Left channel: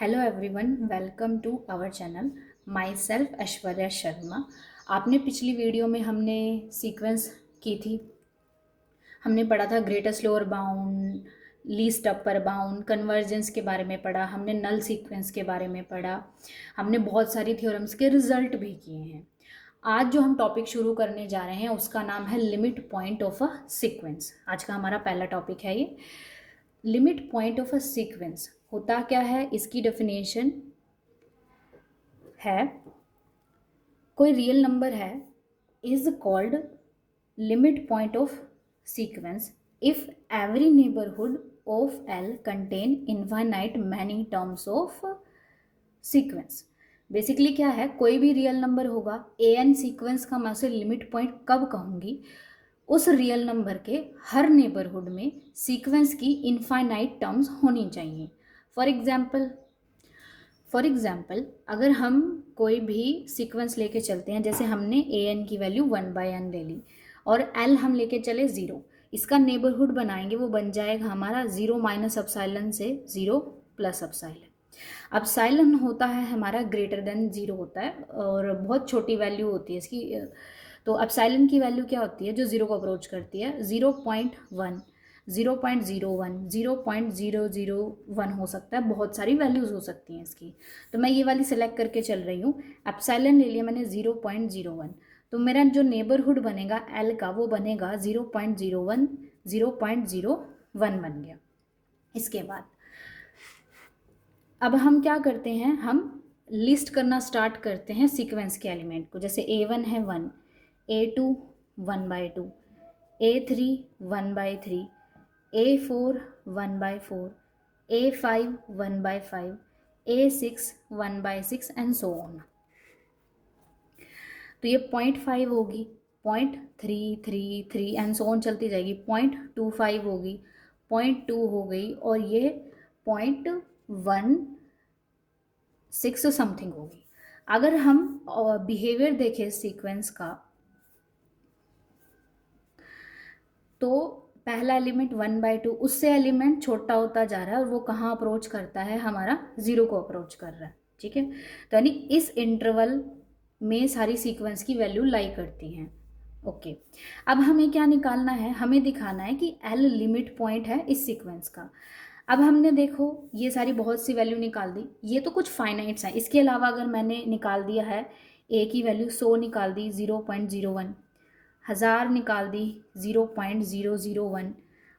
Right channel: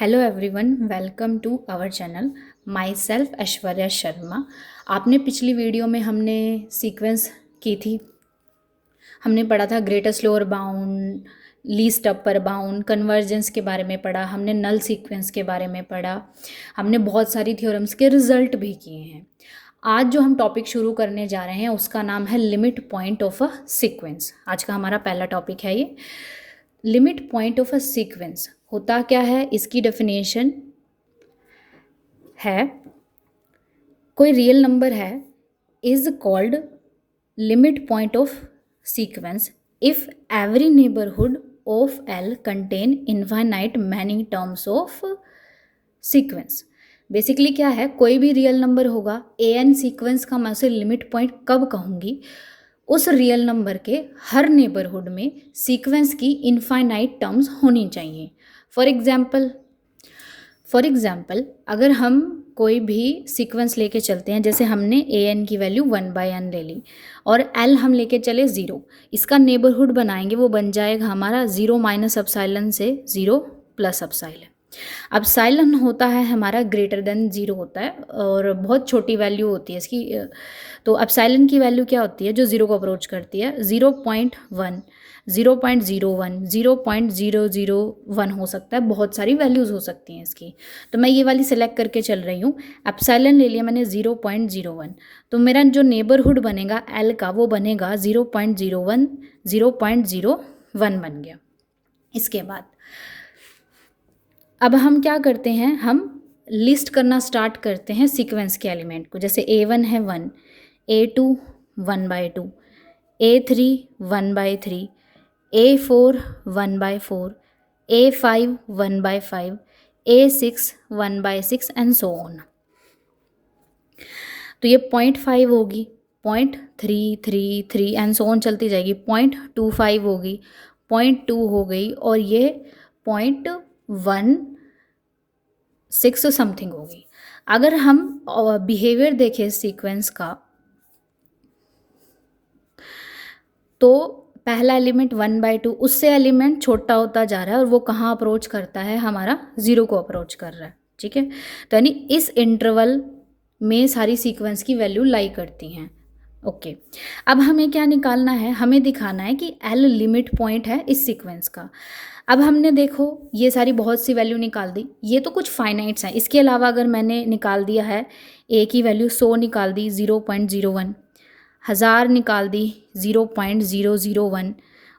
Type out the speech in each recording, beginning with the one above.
Hello everyone, welcome to our channel. Myself Aishwarya Sharma. आपने पिछली video में हमने सीक्वेंस की थी। हमने पढ़ा था greatest lower bound, least upper bound, convergence के बारे में पढ़ा, हमने नल सीक्वेंस के बारे में पढ़ा, हमने बहुत सारी थ्योरम्स के रिजल्ट भी किए हैं। आज जो हम टॉपिक शुरू करने जा रहे हैं उसका नाम है limit point of a sequence. आज का हमारा पहला टॉपिक है ये limit point of a sequence. होता क्या है, इसकी डेफिनेशन है, कोई रियल नंबर है is called limit point of sequence if every neighbourhood of L contain infinite many terms of sequence. Basically क्या है, कोई भी रियल नंबर होगा, ए एन सीक्वेंस का मैं उसे लिमिट पॉइंट कब कहूँगी, उस रियल नंबर के हर नेबरहुड में सीक्वेंस की इनफाइनाइट टर्म्स होनी चाहिए। फॉर एग्जाम्पल अगर हम कोई भी सीक्वेंस लेके चलते हैं, जैसे हमने ए एन की वैल्यू 1/n ले ली और एल हम लेके चले 0, इसका नेबरहुड बनाएंगे, वो बन जाएगा हमारा 0 माइनस अपसाइलन से 0 प्लस अपसाइलन। अपसाइलन होता है हमारा ग्रेटर देन 0 होता है और बहुत छोटी वैल्यू होती है इसकी। तो अपसाइलन की वैल्यू क्या होती है जो 0 को अप्रोच करती है? 0.1, 0.01, 0.001 हो सकता है, बहुत सारी वैल्यूज़ हो सकती हैं इसकी। तो मैं ये वाली सिलेक्ट करके चल रही हूँ। एप्सिलॉन ले लिया मैंने 0.01, तो मेरा जो नेबरहुड बनेगा एल का वो बनेगा 0.01, 0.01 बन गया। इसके बाद अब हम क्या करते हैं, हम लिस्ट करना स्टार्ट करते हैं सीक्वेंस के एलिमेंट को। जैसे A1 है 1, A2 1/2, A3 1/3, A4 1/4, A5 1/5, A6 1/6 and so on. तो ये 0.5 होगी, 0.333 एंड सो ऑन चलती जाएगी, 0.25 होगी, 0.2 हो गई और ये 0.16 समथिंग होगी। अगर हम बिहेवियर देखें सीक्वेंस का, तो पहला एलिमेंट 1/2, उससे एलिमेंट छोटा होता जा रहा है और वो कहाँ अप्रोच करता है, हमारा 0 को अप्रोच कर रहा है। ठीक है, तो यानी इस इंटरवल में सारी सीक्वेंस की वैल्यू लाई करती हैं। ओके, अब हमें क्या निकालना है, हमें दिखाना है कि एल लिमिट पॉइंट है इस सीक्वेंस का। अब हमने देखो ये सारी बहुत सी वैल्यू निकाल दी, ये तो कुछ फाइनाइट्स हैं। इसके अलावा अगर मैंने निकाल दिया है ए की वैल्यू 100 निकाल दी 0.01, 1000 निकाल दी 0.001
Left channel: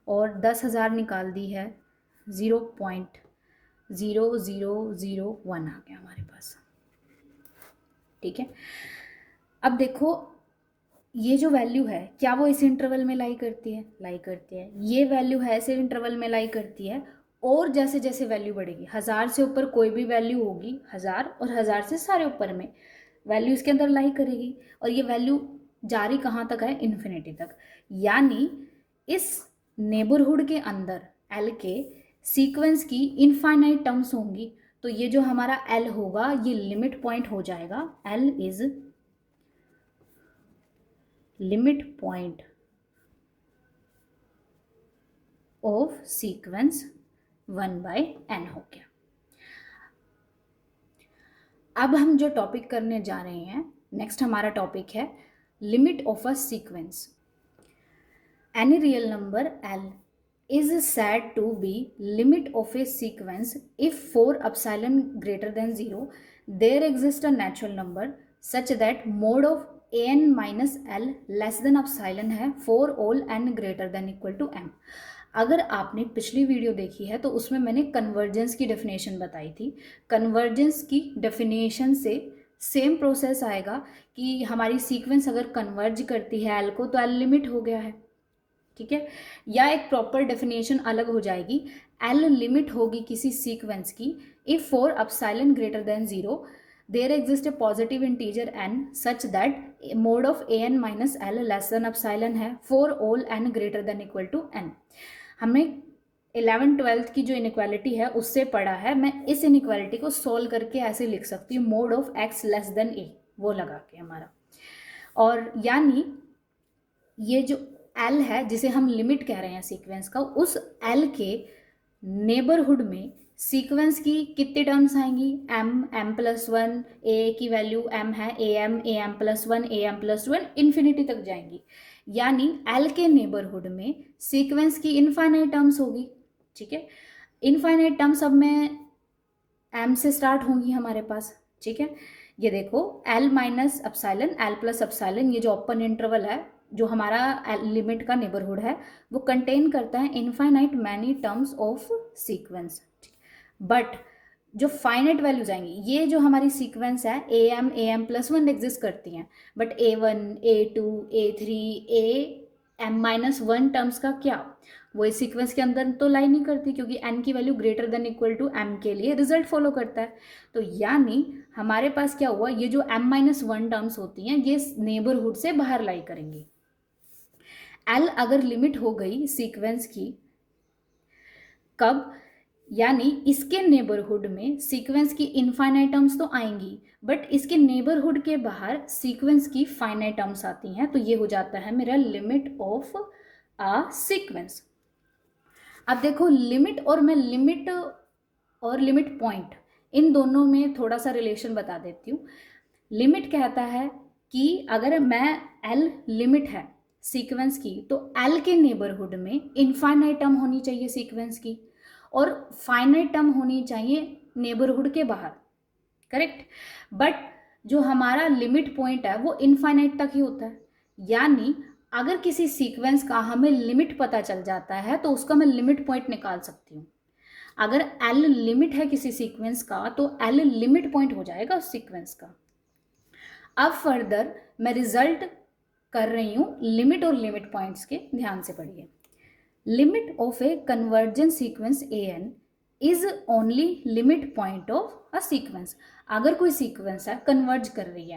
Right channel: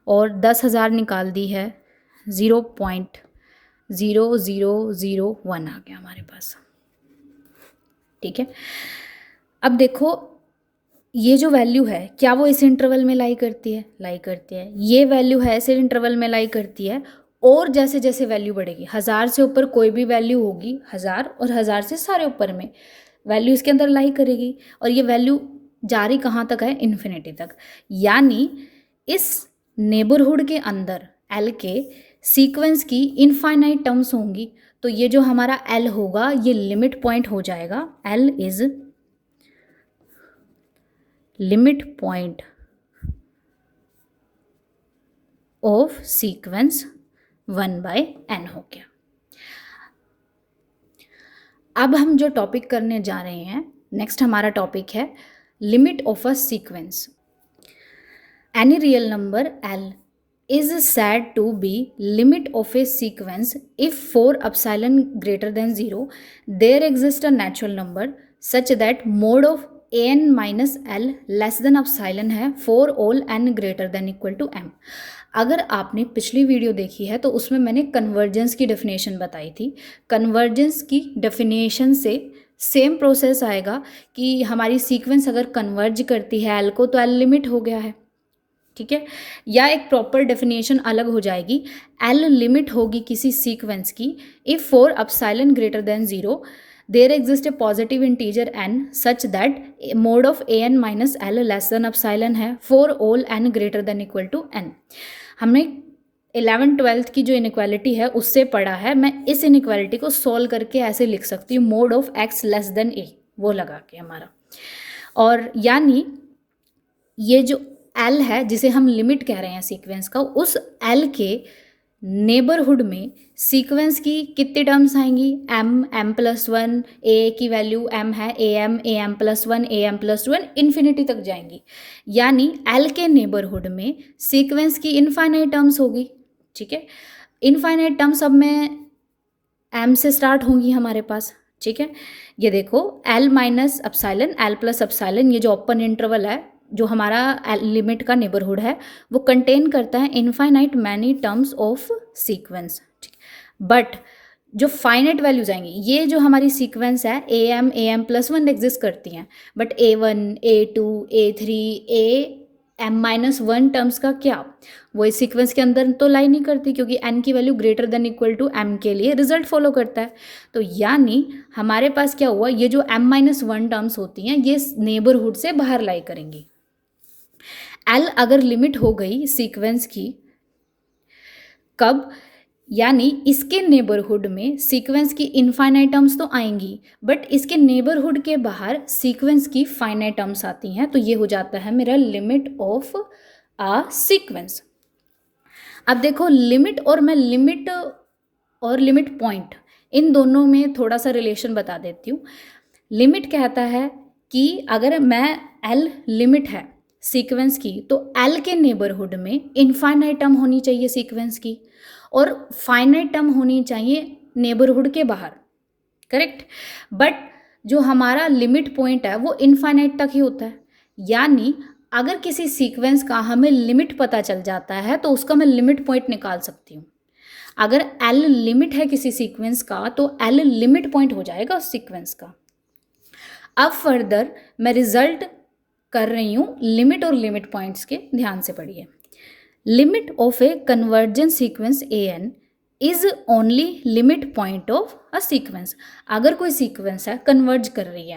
और 10,000 निकाल दी है 0.0001 आ गया हमारे पास। ठीक है, अब देखो ये जो वैल्यू है क्या वो इस इंटरवल में लाई करती है? लाई करती है। ये वैल्यू है इस इंटरवल में लाई करती है। और जैसे जैसे वैल्यू बढ़ेगी, 1000 से ऊपर कोई भी वैल्यू होगी, 1000 और 1000 से सारे ऊपर में वैल्यू इसके अंदर लाई करेगी और ये वैल्यू जारी कहाँ तक है? इन्फिनिटी तक। यानी इस नेबरहुड के अंदर एल के सीक्वेंस की इनफाइनाइट टर्म्स होंगी। तो ये जो हमारा एल होगा ये लिमिट पॉइंट हो जाएगा। L is limit point of sequence 1/n हो गया। अब हम जो टॉपिक करने जा रहे हैं, नेक्स्ट हमारा टॉपिक है limit of a sequence. Any real number L is said to be limit of a sequence if for epsilon greater than 0 there exists a natural number such that mod of an minus L less than epsilon है for all n greater than equal to m। अगर आपने पिछली video देखी है तो उसमें मैंने convergence की डेफिनेशन बताई थी। कन्वर्जेंस की डेफिनेशन से सेम प्रोसेस आएगा कि हमारी सीक्वेंस अगर कन्वर्ज करती है एल को तो एल लिमिट हो गया है। ठीक है, या एक प्रॉपर डेफिनेशन अलग हो जाएगी, एल लिमिट होगी किसी सीक्वेंस की if for epsilon greater than 0 there exist a positive integer n such that mod of a n minus l less than epsilon है for all n greater than equal to n। हमने 11th-12th की जो inequality है उससे पढ़ा है। मैं इस इनइक्वालिटी को सॉल्व करके ऐसे लिख सकती हूँ, mode of x less than a वो लगा के हमारा। और यानी ये जो L है जिसे हम लिमिट कह रहे हैं सीक्वेंस का, उस L के नेबरहुड में सीक्वेंस की कितनी टर्म्स आएंगी, m+1, a की वैल्यू m है, am+1, am+1 इन्फिनिटी तक जाएंगी, यानी l के नेबरहुड में सीक्वेंस की इनफाइनाइट टर्म्स होगी। ठीक है, इनफाइनाइट टर्म्स अब में m से स्टार्ट होंगी हमारे पास। ठीक है, ये देखो l-ε, l+ε, ये जो ओपन इंटरवल है, जो हमारा लिमिट का नेबरहुड है, वो कंटेन करता है infinite many terms of sequence. But जो फाइनाइट वैल्यूज आएंगी, ये जो हमारी सीक्वेंस है am+1 एग्जिस्ट करती हैं, but a1, a2, a3, am-1 terms का क्या, वो इस सीक्वेंस के अंदर तो लाई नहीं करती, क्योंकि n की value greater than equal to m के लिए रिजल्ट फॉलो करता है। तो यानी हमारे पास क्या हुआ, ये जो m-1 टर्म्स होती हैं ये नेबरहुड से बाहर लाई करेंगी। l अगर लिमिट हो गई सीक्वेंस की, कब, यानी इसके नेबरहुड में सीक्वेंस की इनफाइनाइट टर्म्स तो आएंगी, बट इसके नेबरहुड के बाहर सीक्वेंस की फाइनाइट टर्म्स आती हैं, तो ये हो जाता है मेरा लिमिट ऑफ अ सीक्वेंस। अब देखो लिमिट और लिमिट पॉइंट, इन दोनों में थोड़ा सा रिलेशन बता देती हूँ। लिमिट कहता है कि अगर मैं l लिमिट है सीक्वेंस की, तो l के नेबरहुड में इनफाइनाइट टर्म होनी चाहिए सीक्वेंस की, और फाइनाइट टर्म होनी चाहिए नेबरहुड के बाहर, करेक्ट। बट जो हमारा लिमिट पॉइंट है वो इनफाइनाइट तक ही होता है, यानी अगर किसी सीक्वेंस का हमें लिमिट पता चल जाता है तो उसका मैं लिमिट पॉइंट निकाल सकती हूँ। अगर l लिमिट है किसी सीक्वेंस का, तो l लिमिट पॉइंट हो जाएगा उस सीक्वेंस का। अब फर्दर मैं रिजल्ट कर रही हूँ लिमिट और लिमिट पॉइंट्स के, ध्यान से पढ़िए। Limit of A convergence sequence an is only limit point of a sequence. अगर कोई सीक्वेंस है कन्वर्ज कर रही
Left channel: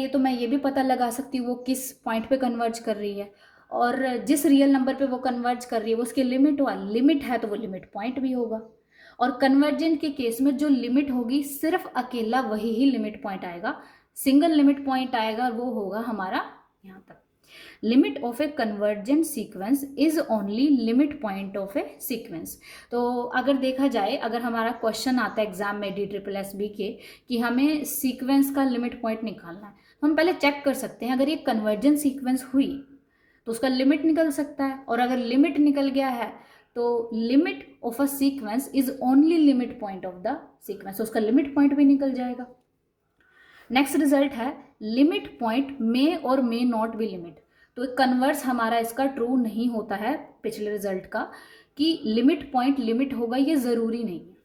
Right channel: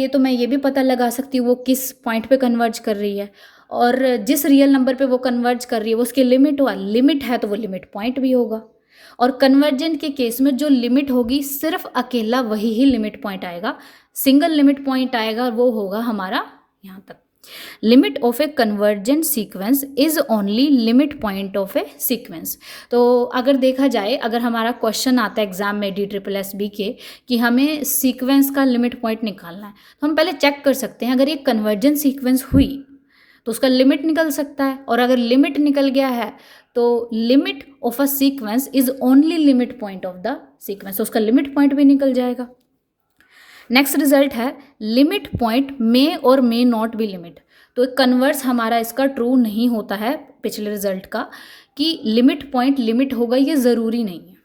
है तो मैं ये भी पता लगा सकती हूँ वो किस पॉइंट पे कन्वर्ज कर रही है, और जिस रियल नंबर पे वो कन्वर्ज कर रही है वो उसकी लिमिट है तो वो लिमिट पॉइंट भी होगा। और कन्वर्जेंट के केस में जो लिमिट होगी सिर्फ अकेला वही ही लिमिट पॉइंट आएगा, सिंगल लिमिट पॉइंट आएगा, वो होगा हमारा यहाँ तक। Limit of A convergent sequence is only limit point of a sequence. तो अगर देखा जाए, अगर हमारा क्वेश्चन आता है एग्जाम में DSSB के कि हमें सीक्वेंस का लिमिट पॉइंट निकालना है, तो हम पहले चेक कर सकते हैं अगर ये कन्वर्जेंट सीक्वेंस हुई तो उसका लिमिट निकल सकता है, और अगर लिमिट निकल गया है तो limit of a sequence is only limit point of the sequence, तो उसका लिमिट पॉइंट भी निकल जाएगा। नेक्स्ट रिजल्ट है लिमिट पॉइंट मे और मे नॉट बी लिमिट। तो कन्वर्स हमारा इसका ट्रू नहीं होता है पिछले रिजल्ट का, कि लिमिट पॉइंट लिमिट होगा, ये ज़रूरी नहीं है।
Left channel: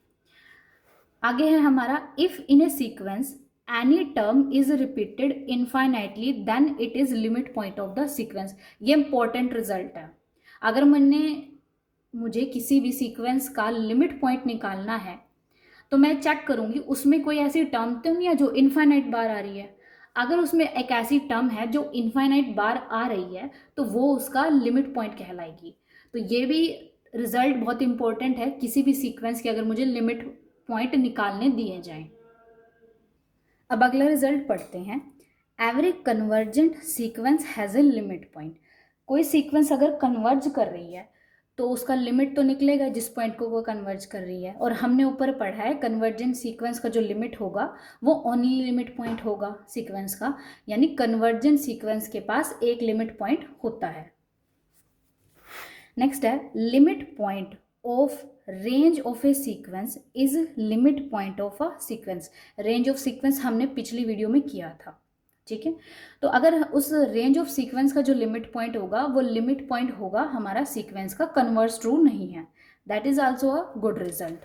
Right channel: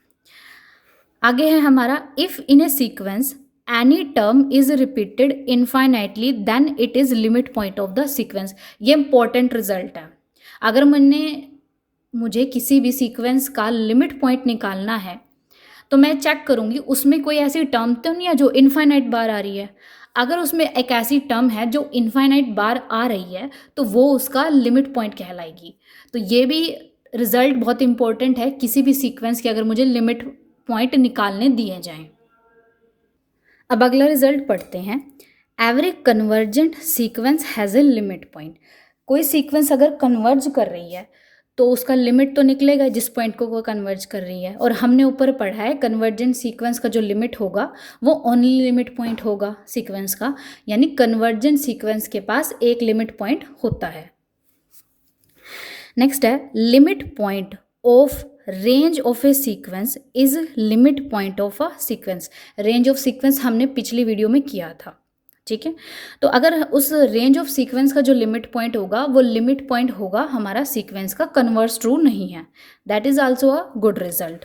आगे है हमारा if in a sequence any term is repeated infinitely then it is limit point of the sequence. ये इंपॉर्टेंट रिजल्ट है। अगर मुझे किसी भी सीक्वेंस का लिमिट पॉइंट निकालना है तो मैं चेक करूँगी उसमें कोई ऐसी टर्म तो नहीं है जो इनफाइनाइट बार आ रही है। अगर उसमें एक ऐसी टर्म है जो इनफाइनाइट बार आ रही है तो वो उसका लिमिट पॉइंट कहलाएगी। तो ये भी रिजल्ट बहुत इंपॉर्टेंट है किसी भी सीक्वेंस के, अगर मुझे लिमिट पॉइंट निकालने दिए जाएं। अब अगला रिजल्ट पढ़ते हैं। Every convergent sequence has a limit point. कोई सीक्वेंस अगर कन्वर्ज कर रही है तो उसका लिमिट तो निकलेगा जिस पॉइंट को वो कन्वर्ज कर रही है, और हमने ऊपर पढ़ा है कन्वर्जेंट सीक्वेंस का जो लिमिट होगा वो ओनली लिमिट पॉइंट होगा सीक्वेंस का, यानी कन्वर्जेंट सीक्वेंस के पास एक लिमिट पॉइंट होता है। नेक्स्ट है limit point of range of a sequence is limit point of a sequence. Range of sequence हमने पिछली वीडियो में किया था, ठीक है। तो अगर उस रेंज ऑफ सीक्वेंस का जो लिमिट पॉइंट होगा वो लिमिट पॉइंट होगा हमारा सीक्वेंस का, कन्वर्स ट्रू नहीं है, that is also a good result.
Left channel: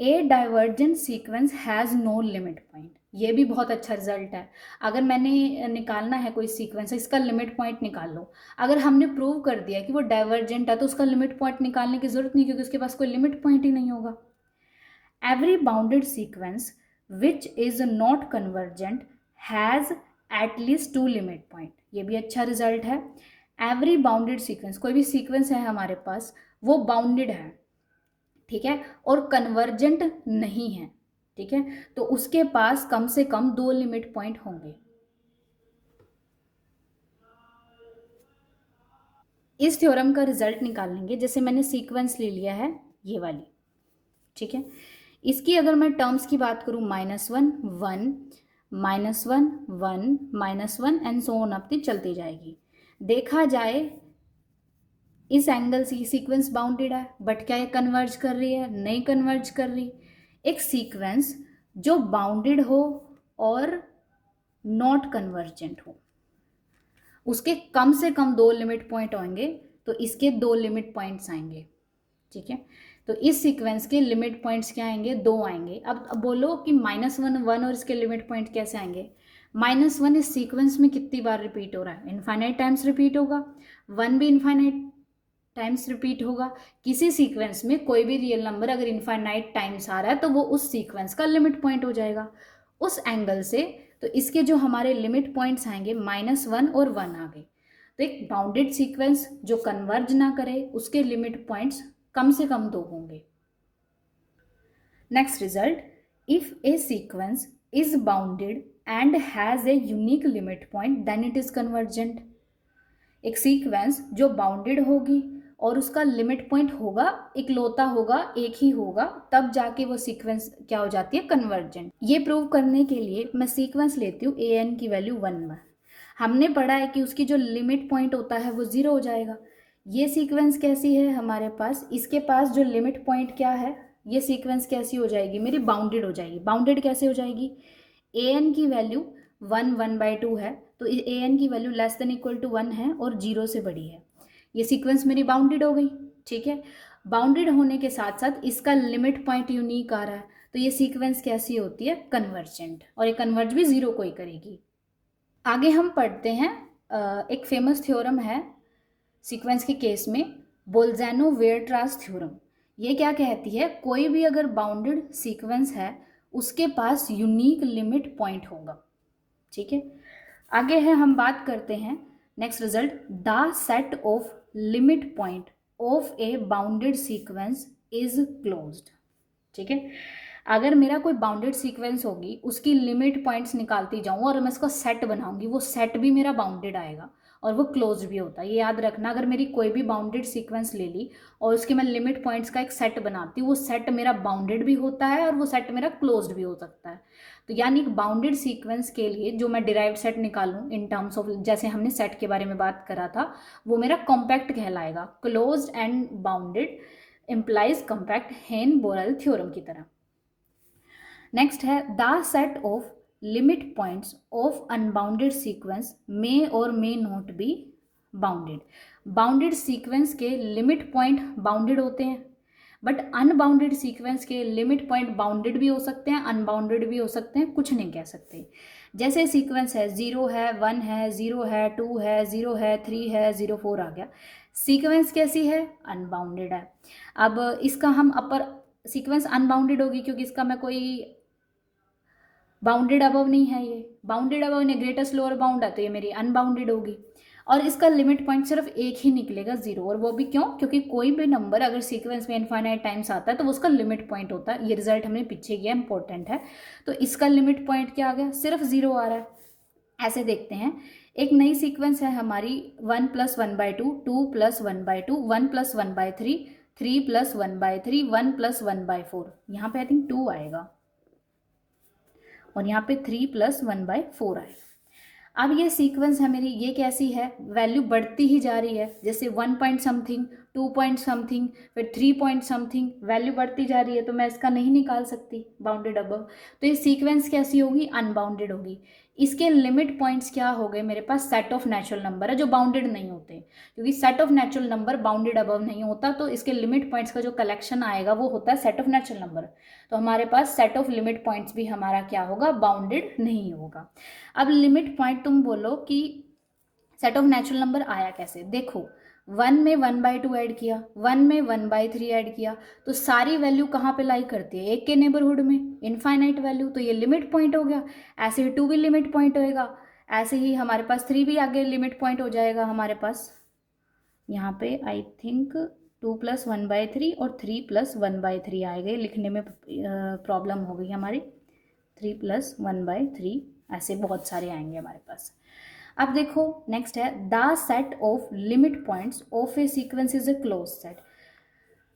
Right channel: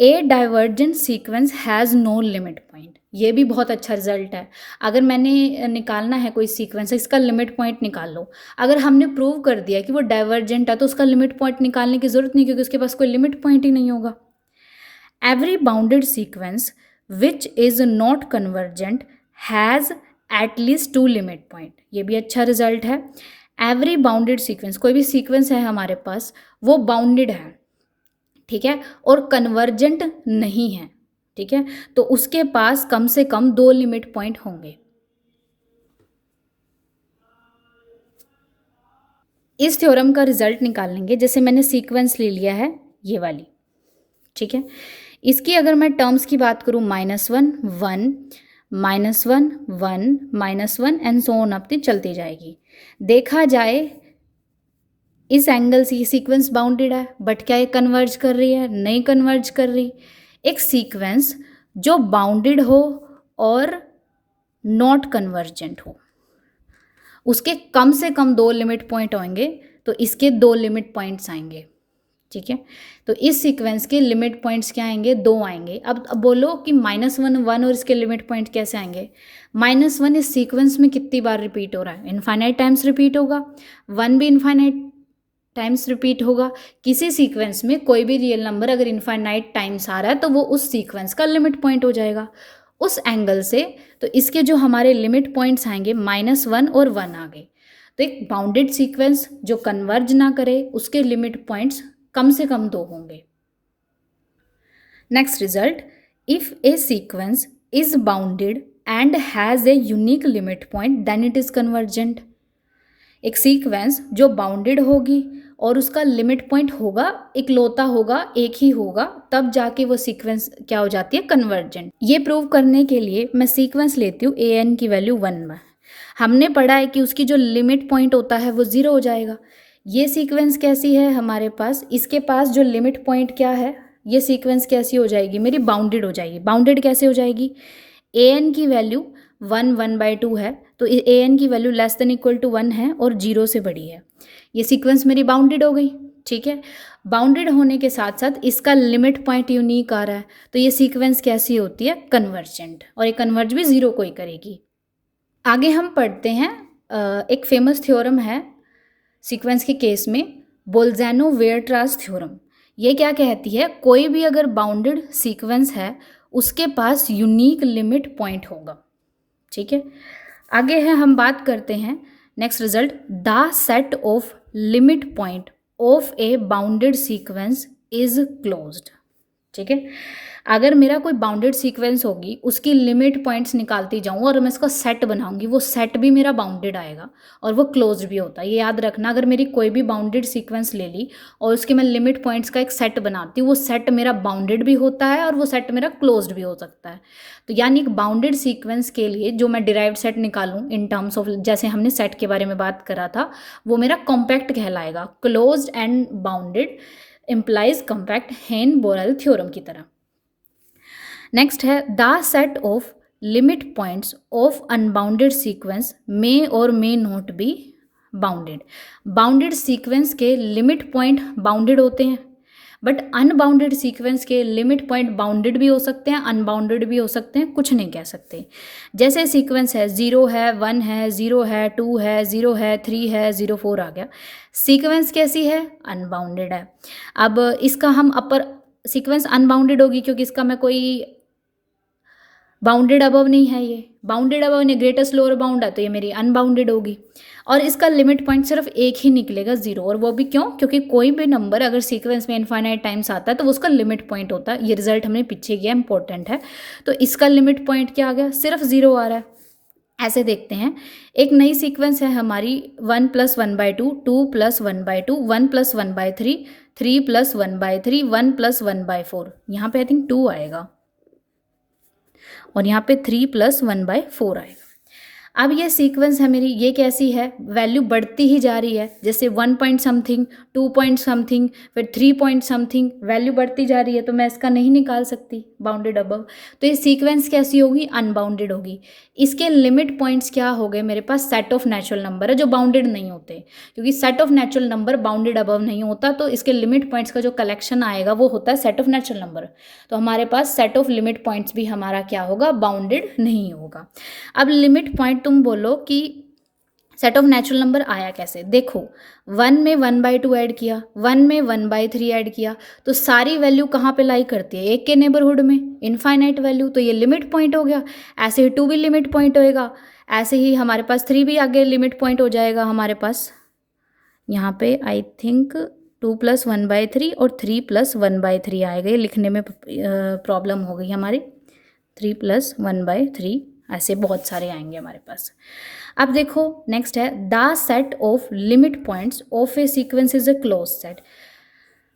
A divergent sequence has no limit point, ये भी बहुत अच्छा रिजल्ट है। अगर मैंने निकालना है कोई सीक्वेंस, इसका लिमिट पॉइंट निकाल लो, अगर हमने प्रूव कर दिया कि वो डाइवर्जेंट है तो उसका लिमिट पॉइंट निकालने की ज़रूरत नहीं, क्योंकि उसके पास कोई लिमिट पॉइंट ही नहीं होगा। Every bounded sequence which is not convergent has at least 2 limit point, ये भी अच्छा रिजल्ट है। एवरी बाउंडेड सीक्वेंस, कोई भी सीक्वेंस है हमारे पास वो बाउंडेड है, ठीक है, और कन्वर्जेंट नहीं है, ठीक है, तो उसके पास कम से कम 2 लिमिट पॉइंट होंगे। इस थ्योरम का रिजल्ट निकालेंगे। जैसे मैंने सीक्वेंस ले लिया है ये वाली, ठीक है। इसकी अगर मैं टर्म्स की बात करूँ, -1 1 -1 1 -1 एंड सो ऑन अप चलती जाएगी। देखा जाए इस एंगल से ये सीक्वेंस बाउंडेड है, बट क्या ये कन्वर्ज कर रही है? नहीं कन्वर्ज कर रही। एक सीक्वेंस जो बाउंडेड हो और नॉट कन्वर्जेंट हो, उसके कम से कम 2 लिमिट पॉइंट होंगे, तो इसके 2 लिमिट पॉइंट्स आएंगे, ठीक है। तो इस सीक्वेंस के लिमिट पॉइंट्स क्या आएंगे? 2 आएंगे। अब बोलो कि -1 1 और इसके लिमिट पॉइंट कैसे आएंगे? -1 इस सीक्वेंस में कितनी बार रिपीट हो रहा है? इनफाइनाइट टाइम्स रिपीट होगा। 1 भी इनफाइनाइट टाइम्स रिपीट होगा। किसी सीक्वेंस में कोई भी रियल नंबर अगर इनफाइनाइट टाइम्स आ रहा है तो वो उस सीक्वेंस का लिमिट पॉइंट हो जाएगा। उस एंगल से तो इसके जो हमारे लिमिट पॉइंट्स आएंगे -1 और 1 आ गए। तो एक बाउंडेड सीक्वेंस जो कन्वर्ज ना करे उसके लिमिट पॉइंट्स कम से कम 2 होंगे। Next result, if a sequence is bounded and has a unique limit point then it is convergent. एक सीक्वेंस जो बाउंडेड होगी और उसका लिमिट पॉइंट होगा, इकलौता होगा, एक ही होगा, तब जाके वो सीक्वेंस क्या हो जाती है? कन्वर्जेंट। ये प्रूव करने के लिए मैं सीक्वेंस लेती हूँ an की वैल्यू 1 में। हमने पढ़ा है कि उसकी जो लिमिट पॉइंट होता है वो 0 हो जाएगा। ये सीक्वेंस कैसी है हमारे पास? इसके पास जो लिमिट पॉइंट क्या है? ये सीक्वेंस कैसी हो जाएगी मेरी? बाउंडेड हो जाएगी। बाउंडेड कैसे हो जाएगी? an की वैल्यू 1 1/2 है, तो an की value less than equal to 1 है और 0 से बड़ी है। ये सीक्वेंस मेरी बाउंडेड हो गई, ठीक है। बाउंडेड होने के साथ साथ इसका लिमिट पॉइंट यूनिक आ रहा है, तो ये सीक्वेंस कैसी होती है? कन्वर्जेंट। और ये कन्वर्ज भी 0 को ही करेगी। आगे हम पढ़ते हैं एक फेमस थ्योरम है सीक्वेंस के केस में, बोल्ज़ैनो-वेयरट्रास थ्योरम। ये क्या कहती है? कोई भी अगर बाउंडेड सीक्वेंस है उसके पास यूनिक लिमिट पॉइंट होगा, ठीक है। आगे है हम बात करते हैं next result, the set of limit point of a bounded sequence is closed, ठीक है। अगर मेरा कोई बाउंडेड सीक्वेंस होगी, उसकी लिमिट पॉइंट्स निकालती जाऊँ और मैं इसका सेट बनाऊंगी, वो सेट भी मेरा बाउंडेड आएगा और वो क्लोज्ड भी होता है। ये याद रखना, अगर मेरी कोई भी बाउंडेड सीक्वेंस ले ली और उसके मैं लिमिट पॉइंट्स का एक सेट बनाती हूँ, वो सेट मेरा बाउंडेड भी होता है और वो सेट मेरा क्लोज्ड भी हो सकता है। तो यानी एक बाउंडेड सीक्वेंस के लिए जो मैं डिराइव्ड सेट निकालूँ इन टर्म्स ऑफ, जैसे हमने सेट के बारे में बात करा था, वो मेरा कॉम्पैक्ट कहलाएगा। Closed and bounded implies compact, Heine Borel theorem की तरह। नेक्स्ट है the set of limit points of unbounded sequence may और may not be bounded. Bounded sequence के लिमिट पॉइंट बाउंडेड होते हैं, बट अनबाउंडेड सीक्वेंस के लिमिट पॉइंट बाउंडेड भी हो सकते हैं, अनबाउंडेड भी हो सकते हैं, कुछ नहीं कह सकते। जैसे सीक्वेंस है 0 है 1 है 0 है 2 है 0 है 3 है 0 4 आ गया। सीक्वेंस कैसी है? अनबाउंडेड है। अब इसका हम अपर सीक्वेंस अनबाउंडेड होगी क्योंकि इसका मैं कोई बाउंडेड अबव नहीं है, ये बाउंडेड अबव नहीं, ग्रेटेस्ट लोअर बाउंड है, तो ये मेरी अनबाउंडेड होगी। और इसका लिमिट पॉइंट सिर्फ एक ही निकलेगा 0, और वो भी क्यों? क्योंकि कोई भी नंबर अगर सीक्वेंस में इनफाइनाइट टाइम्स आता है तो वो उसका लिमिट पॉइंट होता है। ये रिजल्ट हमने पीछे किया, इंपॉर्टेंट है। तो इसका लिमिट पॉइंट क्या आ गया? सिर्फ 0 आ रहा है। ऐसे देखते हैं, एक नई सीक्वेंस है हमारी 1 + 1/2, 2 + 1/2, 1 + 1/3, 3 + 1/3, 1 + 1/4। यहाँ पे आई थिंक 2 आएगा और यहाँ पे 3 + 1/4 आएगा। अब ये सीक्वेंस है मेरी, ये कैसी है? वैल्यू बढ़ती ही जा रही है, जैसे 1 पॉइंट समथिंग, 2 पॉइंट समथिंग, फिर 3 पॉइंट समथिंग, वैल्यू बढ़ती जा रही है, तो मैं इसका नहीं निकाल सकती बाउंडेड अबव। तो ये सीक्वेंस कैसी होगी? अनबाउंडेड होगी। इसके लिमिट पॉइंट्स क्या हो गए मेरे पास? सेट ऑफ नेचुरल नंबर है जो बाउंडेड नहीं होते, क्योंकि set of natural number bounded above नहीं होता, तो इसके लिमिट पॉइंट्स का जो कलेक्शन आएगा वो होता है सेट ऑफ नेचुरल नंबर। तो हमारे पास सेट ऑफ लिमिट पॉइंट्स भी हमारा क्या होगा? बाउंडेड नहीं होगा। अब लिमिट पॉइंट तुम बोलो कि सेट ऑफ नेचुरल नंबर आया कैसे? देखो, 1 में 1/2 ऐड किया, 1 में 1/3 ऐड किया, तो सारी वैल्यू कहाँ पे लाई करती है? एक के नेबरहुड में, इनफाइनाइट वैल्यू, तो ये लिमिट पॉइंट हो गया। ऐसे ही 2 भी लिमिट पॉइंट होएगा, ऐसे ही हमारे पास 3 भी आगे लिमिट पॉइंट हो जाएगा हमारे पास। यहाँ पे आई थिंक 2 + 1/3 और 3 + 1/3 आएगा। ये लिखने में प्रॉब्लम हो गई हमारी, 3 + 1/3 ऐसे बहुत सारे आएंगे हमारे पास। अब देखो नेक्स्ट है the set of limit points of a sequence is a close set.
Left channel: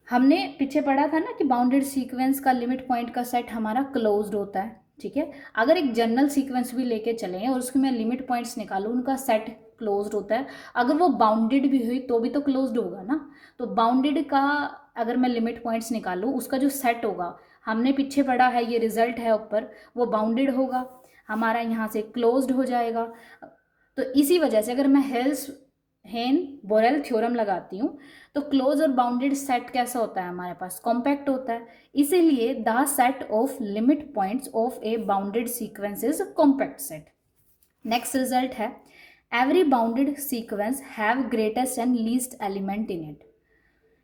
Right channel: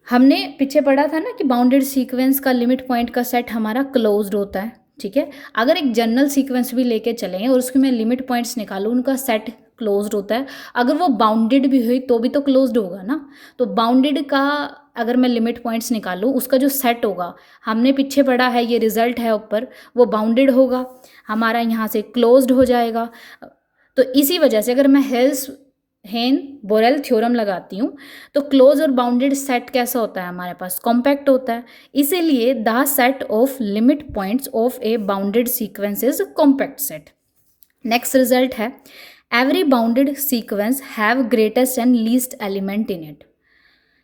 हमने पीछे पढ़ा था ना कि बाउंडेड सीक्वेंस का लिमिट पॉइंट का सेट हमारा क्लोज्ड होता है, ठीक है। अगर एक जनरल सीक्वेंस भी लेके चलें और उसके मैं लिमिट पॉइंट्स निकालूँ, उनका सेट क्लोज्ड होता है। अगर वो बाउंडेड भी हुई तो भी तो क्लोज्ड होगा ना। तो बाउंडेड का अगर मैं लिमिट पॉइंट्स निकालूँ, उसका जो सेट होगा, हमने पीछे पढ़ा है, ये रिजल्ट है ऊपर, वो बाउंडेड होगा, हमारा यहाँ से क्लोज्ड हो जाएगा। तो इसी वजह से अगर मैं हेन बोरेल थ्योरम लगाती हूँ तो क्लोज और बाउंडेड सेट कैसा होता है हमारे पास, कॉम्पैक्ट होता है। इसीलिए the set of limit points of a bounded sequence is compact set. Next result है every bounded sequence have greatest and least element in it.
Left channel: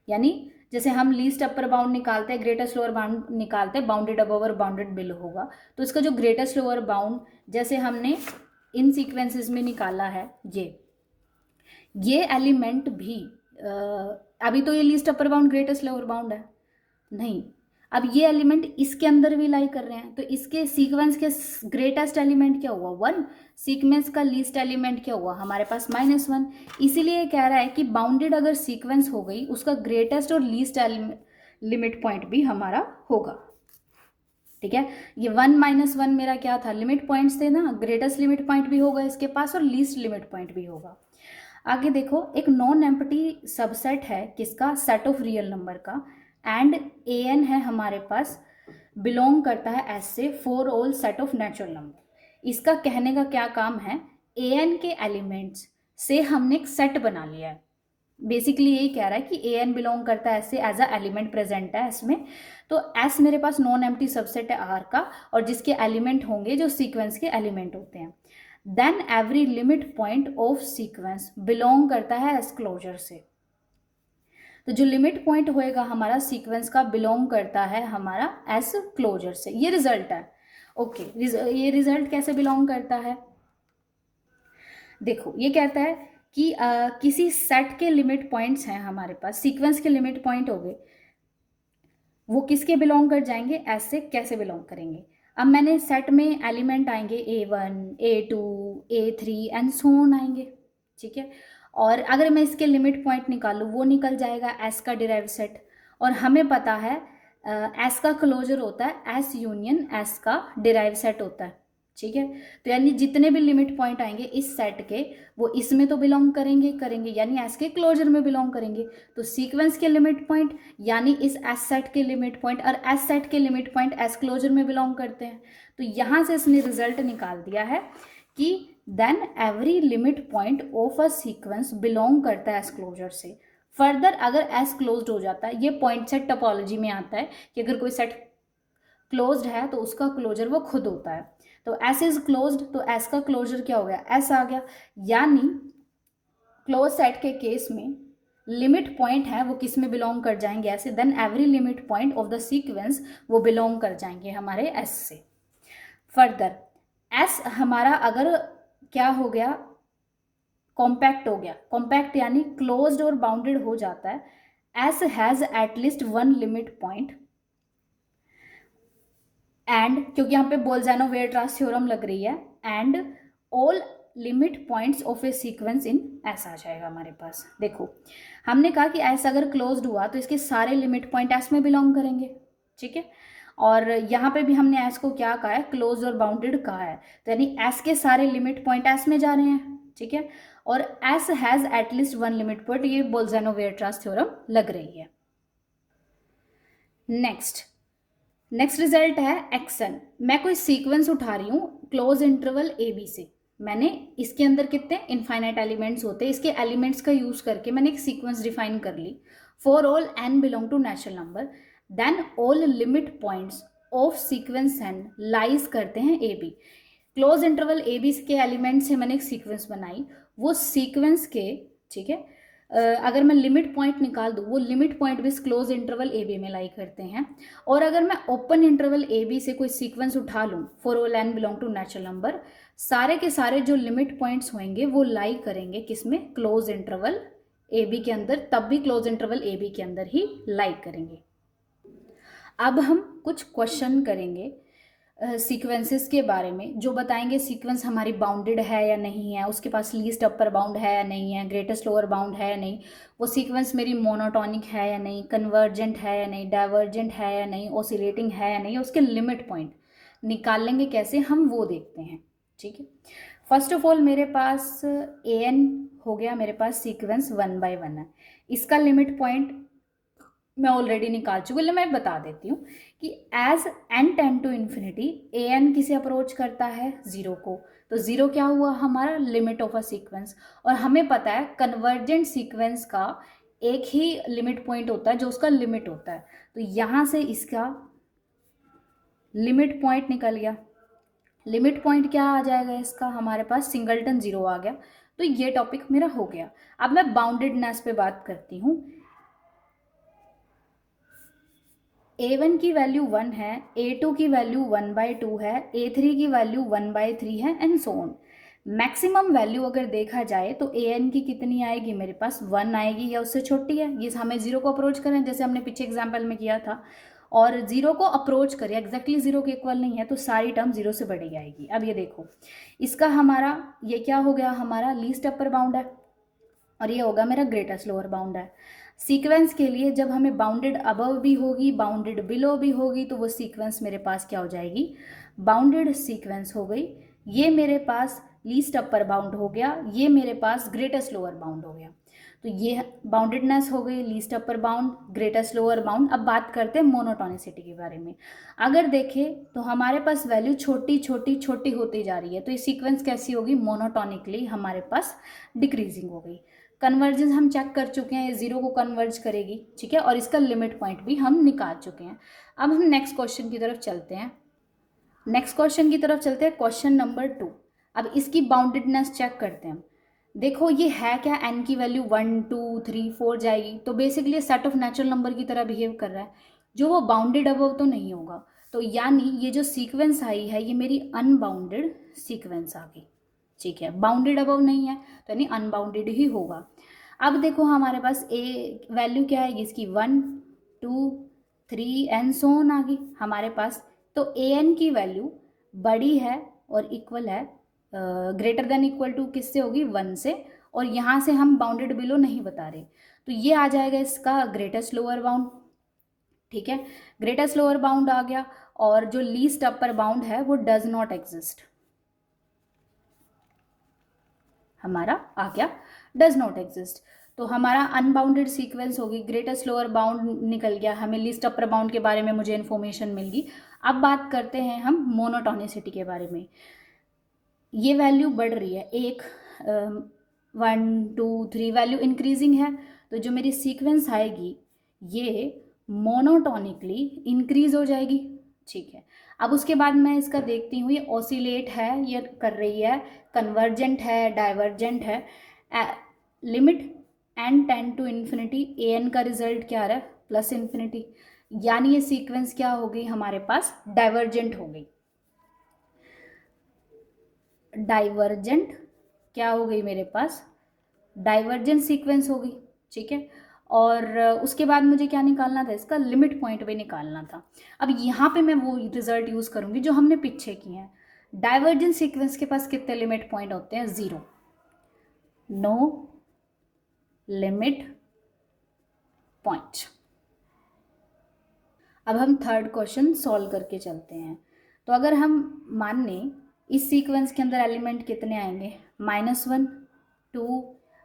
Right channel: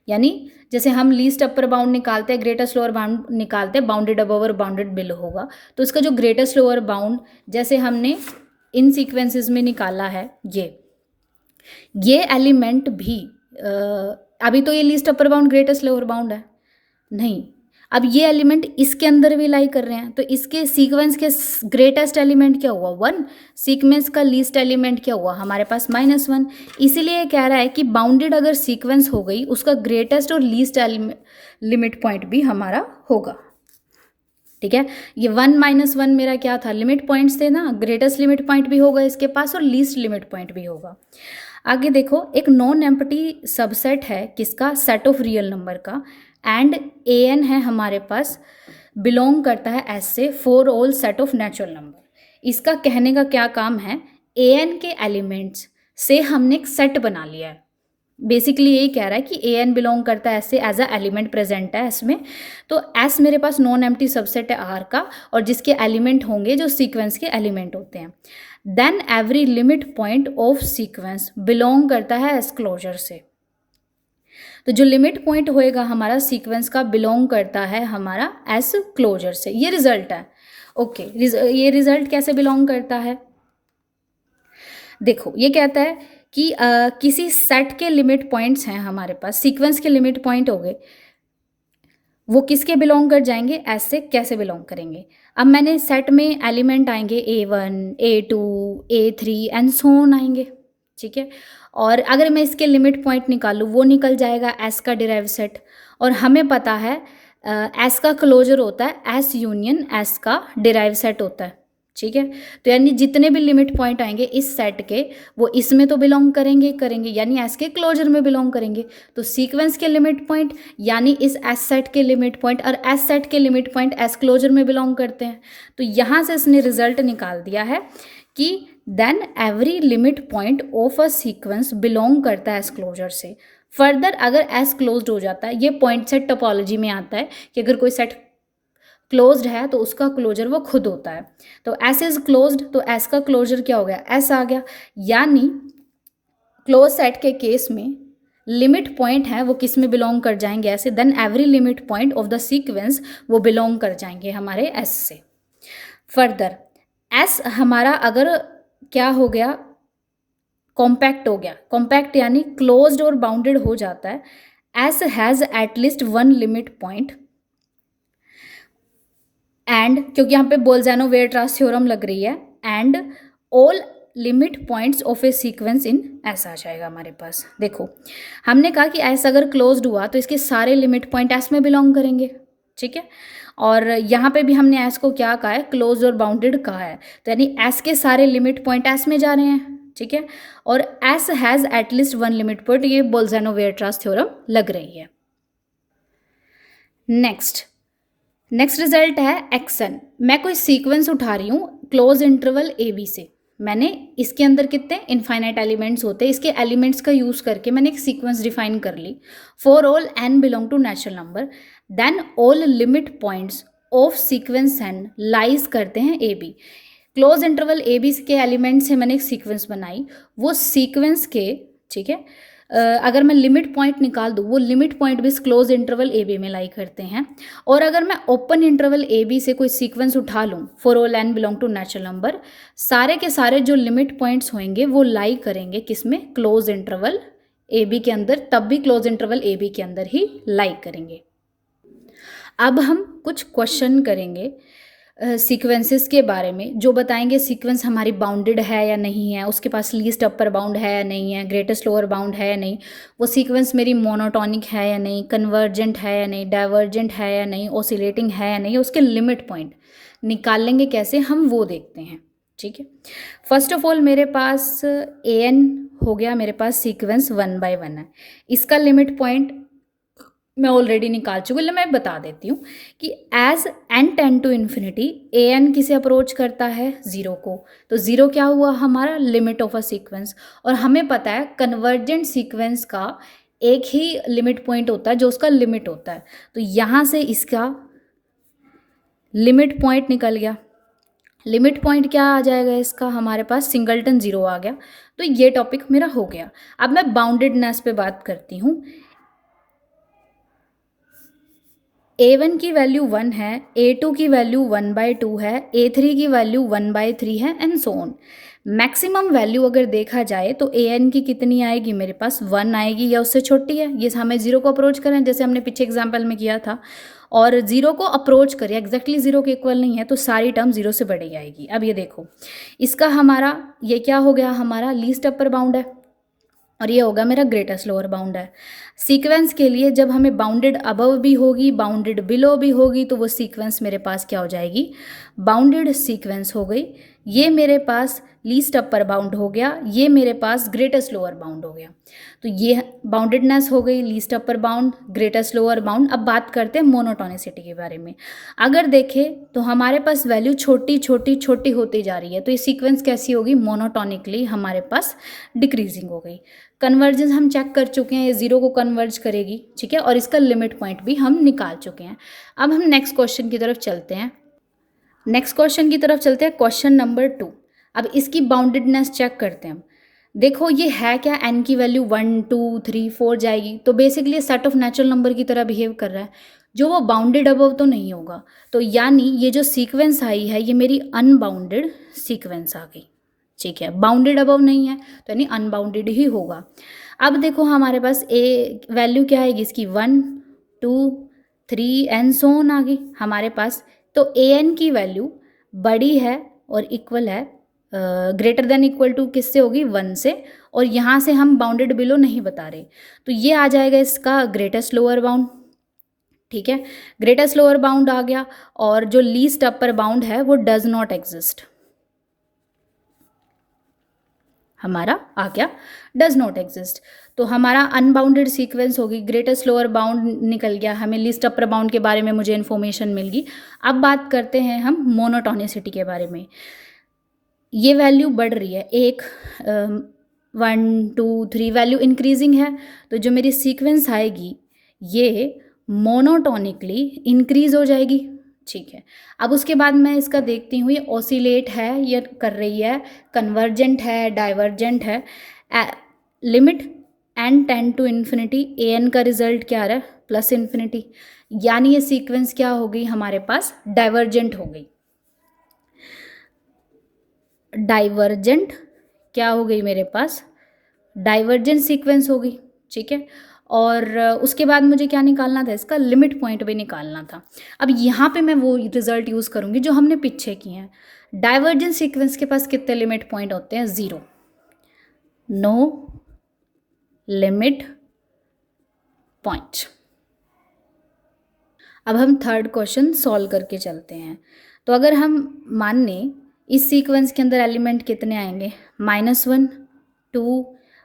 यानी जैसे हम लीस्ट अपर बाउंड निकालते हैं, ग्रेटेस्ट लोअर बाउंड निकालते हैं, बाउंडेड अबव और bounded below होगा। तो इसका जो ग्रेटेस्ट लोअर बाउंड जैसे हमने इन सीक्वेंसेस में निकाला है, ये एलिमेंट भी अभी तो ये least upper bound greatest lower bound है नहीं, अब ये एलिमेंट इसके अंदर भी लाई कर रहे हैं। तो इसके सीक्वेंस के ग्रेटेस्ट एलिमेंट क्या हुआ, 1। सीक्वेंस का लीस्ट एलिमेंट क्या हुआ हमारे पास, -1। इसीलिए कह रहा है कि बाउंडेड अगर सीक्वेंस हो गई, उसका ग्रेटेस्ट और लीस्ट लिमिट पॉइंट भी हमारा होगा, ठीक है। ये 1 -1 मेरा क्या था, लिमिट पॉइंट्स थे ना, ग्रेटेस्ट लिमिट पॉइंट भी होगा इसके पास और लीस्ट लिमिट पॉइंट भी होगा। आगे देखो एक नॉन एम्प्टी सबसेट है किसका, सेट ऑफ रियल नंबर का, एंड an है हमारे पास, बिलोंग करता है एस से, for all set of natural number. इसका कहने का क्या काम है, an के एलिमेंट्स से हमने एक सेट बना लिया है। बेसिकली यही कह रहा है कि an बिलोंग करता है ऐसे, एज अ एलिमेंट प्रेजेंट है एस में। तो एस मेरे पास नॉन एम्प्टी सबसेट है आर का, और जिसके एलिमेंट होंगे जो सीक्वेंस के एलिमेंट होते हैं। Then every limit point of sequence belong करता है एस क्लोजर से। तो जो लिमिट पॉइंट होएगा हमारा सीक्वेंस का, बिलोंग करता है हमारा एस क्लोजर से। ये रिजल्ट है, ओके। ये रिजल्ट कैसे बिलोंग करता है, देखो ये कहता है कि किसी सेट के लिमिट पॉइंट्स हैं हमारे पास, सीक्वेंस के लिमिट पॉइंट हो गए, वो किसके बिलोंग कर जाएंगे, एस से। कैसे बिलोंग करेंगे, अब मैंने सेट में एलिमेंट आएंगे A1 A2 A3 and so on आएंगे, ठीक है। और अगर मैं इसके लिमिट पॉइंट निकालूँ, वो निकल जाएगा एस का डिराइव सेट। और हमें पता है एस का क्लोजर होता है एस यूनियन एस का डिराइव सेट होता है, ठीक है। तो यानी जितने भी लिमिट पॉइंट आएंगे इस सेट के, वो इसमें तो बिलोंग करेंगे यानी एस के क्लोजर में बिलोंग करेंगे। तो सीक्वेंस के लिमिट पॉइंट यानी इस एस सेट के लिमिट पॉइंट, और एस सेट के लिमिट पॉइंट एस क्लोजर में बिलोंग करते हैं। तो यहाँ से इसने रिजल्ट निकाल दिया है कि then every limit point of a sequence belong करता है एस क्लोजर से। फर्दर अगर एस क्लोज्ड हो जाता है, ये पॉइंट सेट टोपोलॉजी में आता है कि अगर कोई सेट क्लोज्ड है तो उसका क्लोजर वो खुद होता है। तो एस इज क्लोज्ड, तो एस का क्लोजर क्या हो गया, एस आ गया। यानी क्लोज सेट के केस में लिमिट पॉइंट है वो किस में बिलोंग कर जाएंगे, ऐसे। Then every limit point of the sequence वो बिलोंग कर जाएंगे हमारे एस से। फर्दर एस हमारा अगर क्या हो गया, कॉम्पैक्ट हो गया, कॉम्पैक्ट यानी क्लोज्ड और बाउंडेड हो जाता है। S has at least 1 limit point and, क्योंकि यहाँ पे बोल्ज़ैनो वेयरट्रास थ्योरम लग रही है, and all limit points of a sequence in S आ जाएगा हमारे पास। देखो हमने कहा कि एस अगर क्लोज्ड हुआ तो इसके सारे लिमिट पॉइंट एस में बिलोंग करेंगे, ठीक है। और यहाँ पे भी हमने एस को क्या कहा है, क्लोज और बाउंडेड कहा है। तो यानी एस के सारे लिमिट पॉइंट एस में जा रहे हैं, ठीक है। और S has at least 1 limit point, ये बोल्ज़ैनो वेयरट्रास थ्योरम लग रही है। नेक्स्ट रिजल्ट है एक्सन। मैं कोई सीक्वेंस उठा रही हूँ क्लोज इंटरवल ए बी से, मैंने इसके अंदर कितने इनफाइनाइट एलिमेंट्स होते हैं, इसके एलिमेंट्स का यूज़ करके मैंने एक सीक्वेंस डिफाइन कर ली। For all n belong to natural number, then all limit points of sequence n lies करते हैं a b. Close interval a b के एलिमेंट से मैंने एक सीक्वेंस बनाई, वो सीक्वेंस के, ठीक है, अगर मैं लिमिट पॉइंट निकाल दूँ, वो लिमिट पॉइंट भी क्लोज इंटरवल ए बी में लाई करते हैं। और अगर मैं ओपन इंटरवल ए बी से कोई सीक्वेंस उठा लूँ, for all n belong to natural number, सारे के सारे जो लिमिट पॉइंट्स होंगे वो लाई करेंगे किसमें, क्लोज इंटरवल ए बी के अंदर, तब भी क्लोज इंटरवल ए बी के अंदर ही लाई करेंगे। अब हम कुछ क्वेश्चन करेंगे सीक्वेंसेस के बारे में जो बताएंगे सीक्वेंस हमारी बाउंडेड है या नहीं है, उसके पास लीस्ट अपर बाउंड है या नहीं है, ग्रेटेस्ट लोअर बाउंड है या नहीं, वो सीक्वेंस मेरी मोनोटॉनिक है या नहीं, कन्वर्जेंट है या नहीं, डाइवर्जेंट है या नहीं, ऑसिलेटिंग है या नहीं, उसके लिमिट पॉइंट निकाल लेंगे कैसे हम वो देखते हैं। ठीक है, फर्स्ट ऑफ ऑल मेरे पास ए एन हो गया, मेरे पास सीक्वेंस 1/1 है, इसका लिमिट पॉइंट मैं ऑलरेडी निकाल चुकी हूँ, मैं बता देती हूँ कि as n tend to infinity a n किसे अप्रोच करता है, ज़ीरो को, तो ज़ीरो क्या हुआ हमारा लिमिट ऑफ अ सीक्वेंस। और हमें पता है कन्वर्जेंट सीक्वेंस का एक ही लिमिट पॉइंट होता है जो उसका लिमिट होता है, तो यहाँ से इसका लिमिट पॉइंट निकल गया। लिमिट पॉइंट क्या आ जाएगा इसका, हमारे पास सिंगलटन ज़ीरो आ गया, तो ये टॉपिक मेरा हो गया। अब मैं बाउंडेडनेस पे बात करती हूँ। A1 की वैल्यू 1 है, A2 की वैल्यू 1/2 है, A3 की वैल्यू 1/3 है and so on. Maximum value अगर देखा जाए तो AN की कितनी आएगी, मेरे पास 1 आएगी या उससे छोटी है, ये हमें ज़ीरो को अप्रोच करें जैसे हमने पीछे एग्जाम्पल में किया था, और ज़ीरो को अप्रोच करें एग्जैक्टली ज़ीरो के इक्वल नहीं है तो सारी टर्म ज़ीरो से बड़ी आएगी। अब ये देखो इसका हमारा ये क्या हो गया, हमारा लीस्ट अपर बाउंड है और ये होगा मेरा ग्रेटेस्ट लोअर बाउंड है। सीक्वेंस के लिए जब हमें बाउंडेड अबव भी होगी बाउंडेड बिलो भी होगी तो वो सीक्वेंस मेरे पास क्या हो जाएगी, बाउंडेड सीक्वेंस हो गई। ये मेरे पास लीस्ट अपर बाउंड हो गया, ये मेरे पास ग्रेटेस्ट लोअर बाउंड हो गया, तो ये बाउंडेडनेस हो गई, least upper bound, greatest lower bound. अब बात करते हैं मोनोटोनिसिटी के बारे में। अगर देखें तो हमारे पास वैल्यू छोटी छोटी छोटी होती जा रही है, तो ये सीक्वेंस कैसी होगी, मोनोटोनिकली हमारे पास डिक्रीजिंग हो गई। कन्वर्जेंस हम चेक कर चुके हैं, ये ज़ीरो को कन्वर्ज करेगी, ठीक है, और इसका लिमिट पॉइंट भी हम निकाल चुके हैं। अब हम नेक्स्ट क्वेश्चन की तरफ चलते हैं। Question number 2। अब इसकी बाउंडेडनेस चेक करते हैं हम। देखो ये है क्या, एन की वैल्यू 1 2 3 4 जाएगी, तो basically set of natural number की तरह बिहेव कर रहा है, जो वो बाउंडेड अबव तो नहीं होगा, तो यानी ये जो सीक्वेंस आई है ये मेरी अनबाउंडेड सीक्वेंस आ गई। ठीक है, बाउंडेड अबव नहीं है तो यानी अनबाउंडेड ही होगा। अब देखो हमारे पास ए वैल्यू क्या आएगी इसकी, 1 2 3 एंड सो ऑन आ गई हमारे पास, तो ए एन की वैल्यू बड़ी है और इक्वल है, ग्रेटर देन इक्वल टू किससे होगी, 1 से, और यहाँ से हम बाउंडेड बिलो नहीं बता रहे, तो ये आ जाएगा इसका ग्रेटेस्ट लोअर बाउंड। ठीक है, ग्रेटेस्ट लोअर बाउंड आ गया, और जो लीस्ट अपर बाउंड है वो डज नॉट एग्जिस्ट, हमारा आ गया डज नॉट एग्जिस्ट, तो हमारा अनबाउंडेड सीक्वेंस होगी, ग्रेटेस्ट लोअर बाउंड निकल गया, हमें लीस्ट अपर बाउंड के बारे में मुझे इन्फॉर्मेशन मिल गई। अब बात करते हैं हम मोनोटोनिसिटी के बारे में। ये वैल्यू बढ़ रही है, 1 2 3 वैल्यू इंक्रीजिंग है, तो जो मेरी सीक्वेंस आएगी ये मोनोटोनिकली इंक्रीज हो जाएगी। ठीक है, अब उसके बाद मैं इसका देखती हूँ ये ऑसिलेट है या कर रही है, कन्वर्जेंट है, डाइवर्जेंट है। Limit n tend to infinity, a n का रिजल्ट क्या आ रहा है, प्लस इन्फिनिटी, यानी ये सीक्वेंस क्या हो गई हमारे पास, डाइवर्जेंट हो गई। डाइवर्जेंट क्या हो गई मेरे पास, डाइवर्जेंट सीक्वेंस हो गई। ठीक है, और उसके बाद मुझे क्या निकालना था, इसका लिमिट पॉइंट भी निकालना था। अब यहाँ पे मैं वो रिजल्ट यूज़ करूँगी जो हमने पीछे किए हैं। डाइवर्जेंट सीक्वेंस के पास कितने लिमिट पॉइंट होते हैं, 0, नो लिमिट पॉइंट। अब हम थर्ड क्वेश्चन सॉल्व करके चलते हैं। तो अगर हम मान लें इस सीक्वेंस के अंदर एलिमेंट कितने आएंगे, -1 2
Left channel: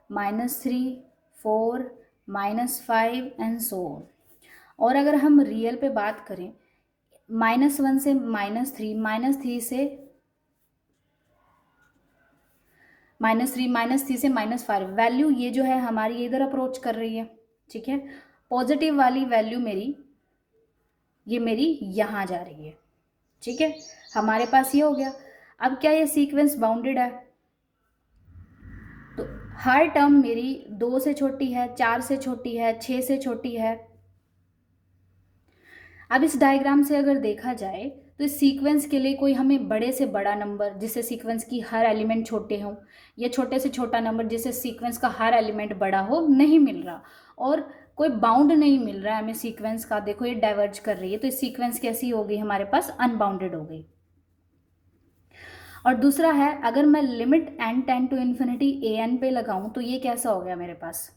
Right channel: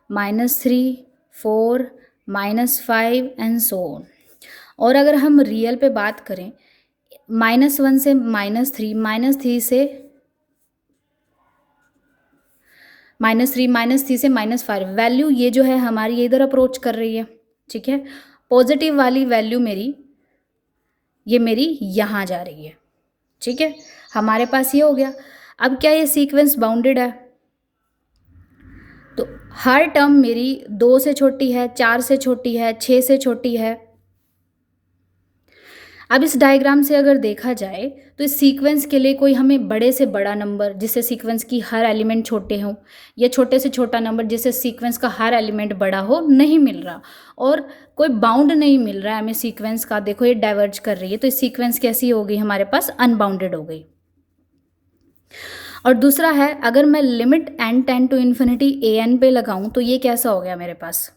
-3 4 -5 एंड सो ऑन, और अगर हम रियल पे बात करें -1 से -3 -3 से -5 वैल्यू ये जो है हमारी ये इधर अप्रोच कर रही है। ठीक है, पॉजिटिव वाली वैल्यू मेरी ये मेरी यहाँ जा रही है। ठीक है, हमारे पास ये हो गया। अब क्या ये सीक्वेंस बाउंडेड है, तो हर टर्म मेरी 2 से छोटी है, 4 से छोटी है, 6 से छोटी है। अब इस डायग्राम से अगर देखा जाए तो इस सीक्वेंस के लिए कोई हमें बड़े से बड़ा नंबर जिससे सीक्वेंस की हर एलिमेंट छोटे हों, या छोटे से छोटा नंबर जिससे सीक्वेंस का हर एलिमेंट बड़ा हो, नहीं मिल रहा, और कोई बाउंड नहीं मिल रहा है हमें सीक्वेंस का। देखो ये डाइवर्ज कर रही है, तो इस सीक्वेंस कैसी हो गई हमारे पास, अनबाउंडेड हो गई। और दूसरा है, अगर मैं limit n tend to infinity a n पे लगाऊं तो ये कैसा हो गया मेरे पास।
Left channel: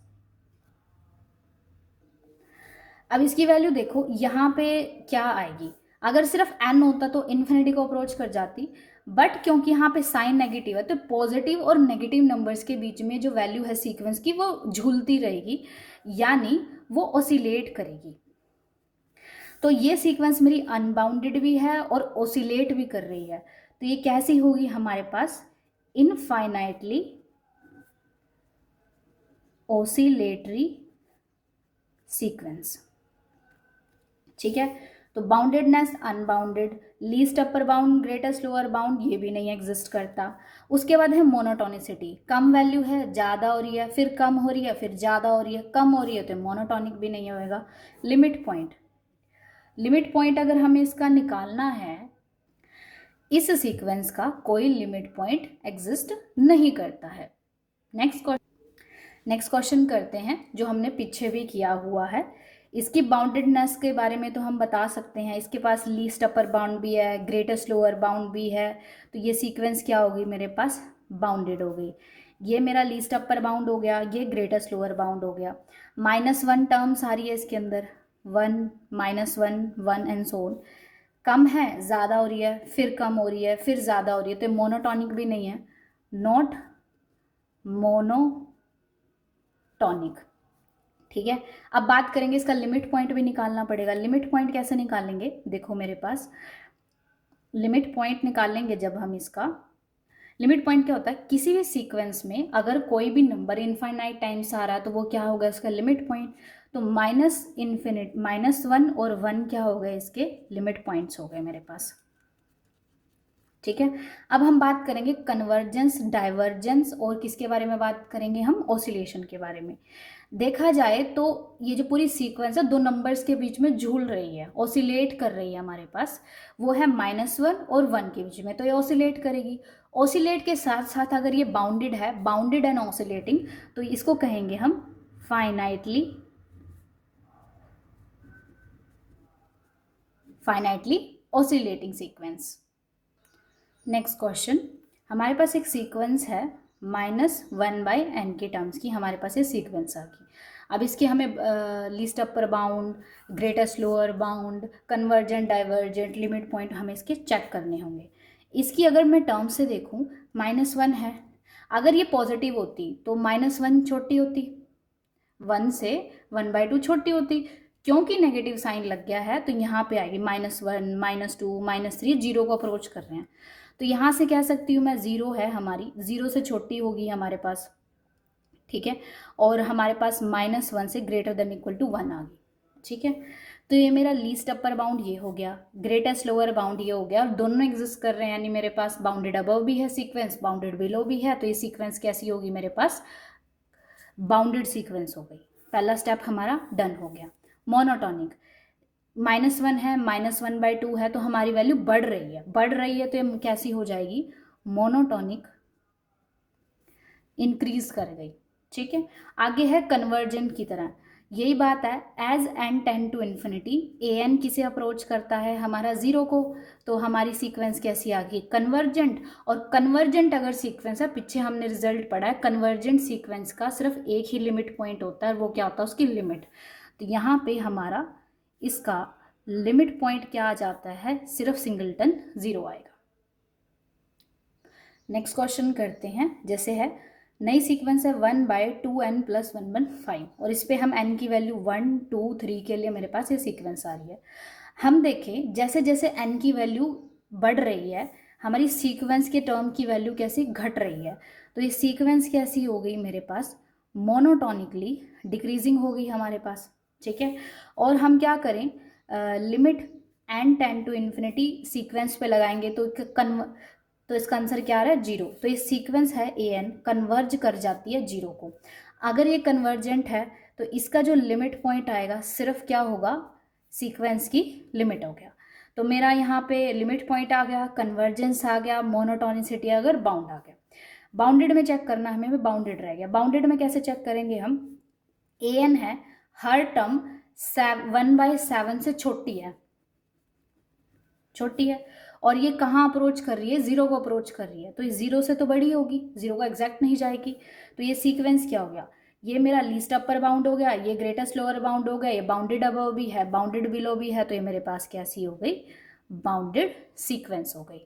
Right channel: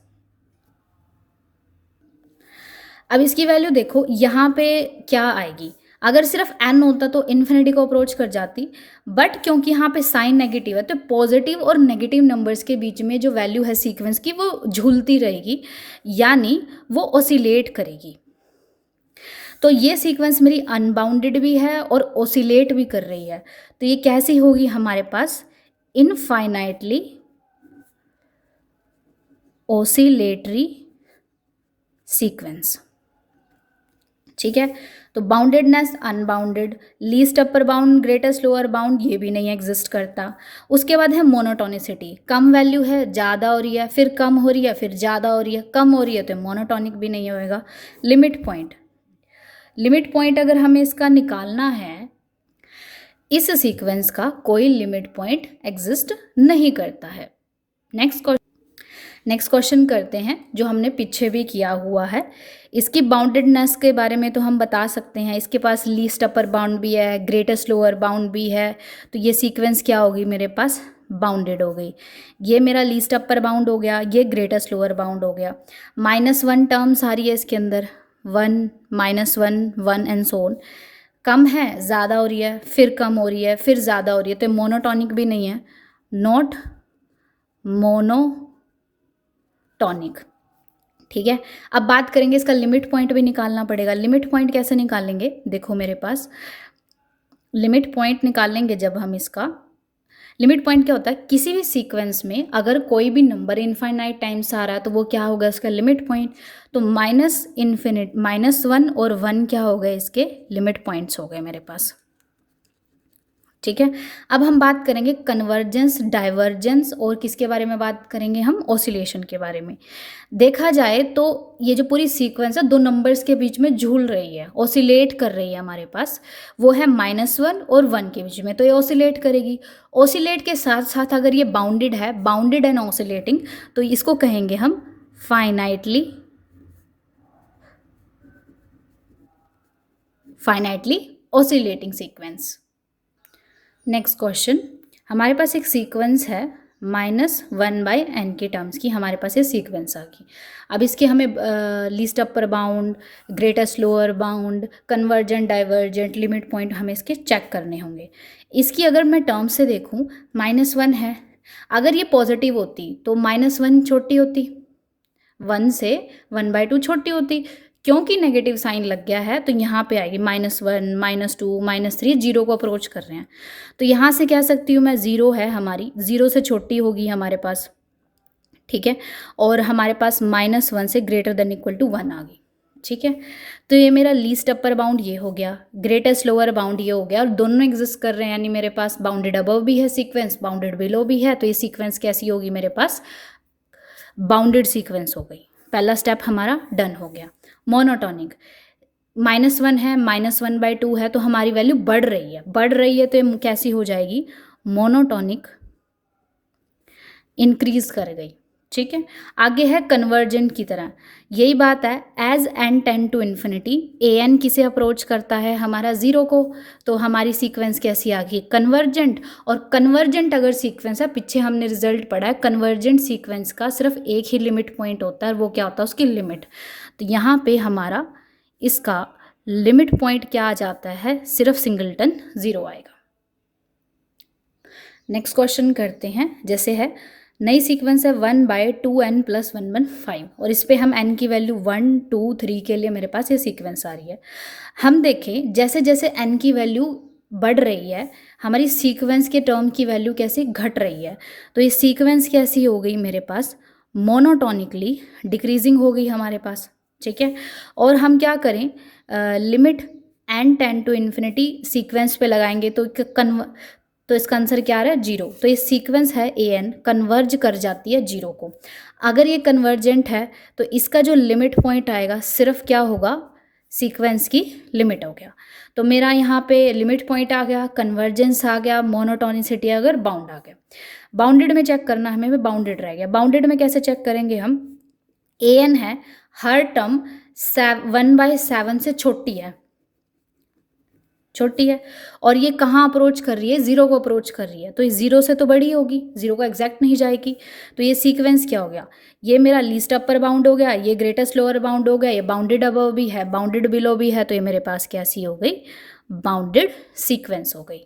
अब इसकी वैल्यू देखो यहाँ पे क्या आएगी, अगर सिर्फ n होता तो इन्फिनिटी को अप्रोच कर जाती, बट क्योंकि यहाँ पे साइन नेगेटिव है तो पॉजिटिव और नेगेटिव नंबर्स के बीच में जो वैल्यू है सीक्वेंस की वो झूलती रहेगी, यानी वो ओसिलेट करेगी। तो ये सीक्वेंस मेरी अनबाउंडेड भी है और ओसिलेट भी कर रही है, तो ये कैसी होगी हमारे पास, इनफाइनाइटली ओसिलेटरी सीक्वेंस। ठीक है, तो boundedness, unbounded, least upper bound, greatest lower bound, ये भी नहीं एग्जिस्ट करता। उसके बाद है मोनोटोनिसिटी, कम वैल्यू है, ज़्यादा हो रही है, फिर कम हो रही है, फिर ज़्यादा हो रही है, कम हो रही है, तो मोनोटोनिक भी नहीं होएगा। लिमिट पॉइंट, लिमिट पॉइंट अगर हमें इसका निकालना है, इस सीक्वेंस का कोई लिमिट पॉइंट एग्जिस्ट नहीं करता है। नेक्स्ट क्वेश्चन करते हैं जो हमने पीछे भी किया हुआ है। इसकी बाउंडेडनेस के बारे में तो हम बता सकते हैं, इसके पास लीस्ट अपर बाउंड भी है, ग्रेटेस्ट लोअर बाउंड भी है, तो ये सीक्वेंस क्या होगी मेरे पास, बाउंडेड हो गई। ये मेरा लीस्ट अपर बाउंड हो गया, ये ग्रेटेस्ट लोअर बाउंड हो गया। -1 टर्म्स आ रही है इसके अंदर, 1 -1 1 एंड सो ऑन। कम है, ज़्यादा हो रही है, फिर कम हो रही है, फिर ज़्यादा हो रही है, तो मोनोटॉनिक भी नहीं है, नॉट मोनोटॉनिक। ठीक है, अब बात करेंगे इसका लिमिट पॉइंट भी निकालना पड़ेगा। लिमिट पॉइंट कैसे निकालेंगे, देखो मेरे पास लिमिट पॉइंट निकालेंगे जब हम इसका, लिमिट पॉइंट क्या होता है, किसी भी सीक्वेंस में अगर कोई भी नंबर इनफाइनाइट टाइम्स आ रहा है तो वो क्या होगा इसका लिमिट पॉइंट। तो -1 और 1 क्या हो गए, इसके लिमिट पॉइंट्स हो गए मेरे पास। ठीक है, अब हम बात करेंगे कन्वर्जेंस, डाइवर्जेंस और किसके बारे में बात करेंगे हम, ऑसिलेशन के बारे में। देखा जाए तो ये जो पूरी सीक्वेंस है दो नंबर्स के बीच में झूल रही है, ऑसिलेट कर रही है हमारे पास, वो है -1 और 1 के बीच में, तो ये ऑसिलेट करेगी। ऑसिलेट के साथ साथ अगर ये बाउंडेड है, बाउंडेड एंड ऑसिलेटिंग, तो इसको कहेंगे हम finitely oscillating sequence. Next question, हमारे पास एक सीक्वेंस है -1/n के टर्म्स की, हमारे पास ये सीक्वेंस आ गई। अब इसके हमें least upper bound, greatest lower bound, convergent, divergent, limit point हमें इसके चेक करने होंगे। इसकी अगर मैं टर्म्स से देखूं, -1 है, अगर ये पॉजिटिव होती तो -1 छोटी होती, 1 से 1/2 छोटी होती, क्योंकि नेगेटिव साइन लग गया है तो यहाँ पे आएगी -1 -2 -3, जीरो को अप्रोच कर रहे हैं, तो यहाँ से कह सकती हूँ मैं, ज़ीरो है हमारी, ज़ीरो से छोटी होगी हमारे पास। ठीक है, और हमारे पास -1 से ग्रेटर देन इक्वल टू 1 आ गई। ठीक है, तो ये मेरा लीस्ट अपर बाउंड ये हो गया, ग्रेटेस्ट लोअर बाउंड ये हो गया, और दोनों एग्जिस्ट कर रहे हैं, यानी मेरे पास बाउंडेड अबव भी है सीक्वेंस, बाउंडेड बिलो भी है, तो ये सीक्वेंस कैसी होगी मेरे पास, बाउंडेड सीक्वेंस हो गई। पहला स्टेप हमारा डन हो गया। मोनोटॉनिक, -1 है, -1/2 है, तो हमारी वैल्यू बढ़ रही है, तो ये कैसी हो जाएगी, मोनोटॉनिक, इंक्रीज कर गई। ठीक है, आगे है कन्वर्जेंट की तरह, यही बात है, as n tend to infinity, a n किसे अप्रोच करता है, हमारा ज़ीरो को, तो हमारी सीक्वेंस कैसी आ गई, कन्वर्जेंट। और कन्वर्जेंट अगर सीक्वेंस है, पीछे हमने रिजल्ट पढ़ा है, कन्वर्जेंट सीक्वेंस का सिर्फ एक ही लिमिट पॉइंट होता है, वो क्या होता है, उसकी लिमिट। तो यहाँ पे हमारा इसका लिमिट पॉइंट क्या आ जाता है, सिर्फ सिंगलटन 0 आएगा। नेक्स्ट क्वेश्चन करते हैं, जैसे है नई सीक्वेंस है 1/2n + 1 1 5, और इस पर हम n की वैल्यू 1 2 3 के लिए मेरे पास ये सीक्वेंस आ रही है। हम देखें जैसे जैसे n की वैल्यू बढ़ रही है, हमारी सीक्वेंस के टर्म की वैल्यू कैसी घट रही है, तो ये सीक्वेंस कैसी हो गई मेरे पास, मोनोटोनिकली डिक्रीजिंग हो गई हमारे पास। ठीक है, और हम क्या करें, limit n tend to infinity sequence पे लगाएंगे तो इसका आंसर क्या आ रहा है, 0। तो ये सीक्वेंस है ए एन कन्वर्ज कर जाती है 0 को। अगर ये कन्वर्जेंट है तो इसका जो लिमिट पॉइंट आएगा सिर्फ क्या होगा, सीक्वेंस की लिमिट हो गया। तो मेरा यहाँ पे लिमिट पॉइंट आ गया, कन्वर्जेंस आ गया, मोनोटोनिसिटी अगर बाउंड आ गया। बाउंडेड में चेक करना हमें, भी बाउंडेड रह गया। बाउंडेड में कैसे चेक करेंगे हम, ए एन है, हर टर्म 1/7 से छोटी है, छोटी है। और ये कहाँ अप्रोच कर रही है, ज़ीरो को अप्रोच कर रही है, तो ये ज़ीरो से तो बड़ी होगी, ज़ीरो को एग्जैक्ट नहीं जाएगी। तो ये सीक्वेंस क्या हो गया, ये मेरा लीस्ट अपर बाउंड हो गया, ये ग्रेटेस्ट लोअर बाउंड हो गया, ये बाउंडेड अबव भी है, बाउंडेड बिलो भी है, तो ये मेरे पास कैसी हो गई, बाउंडेड सीक्वेंस हो गई।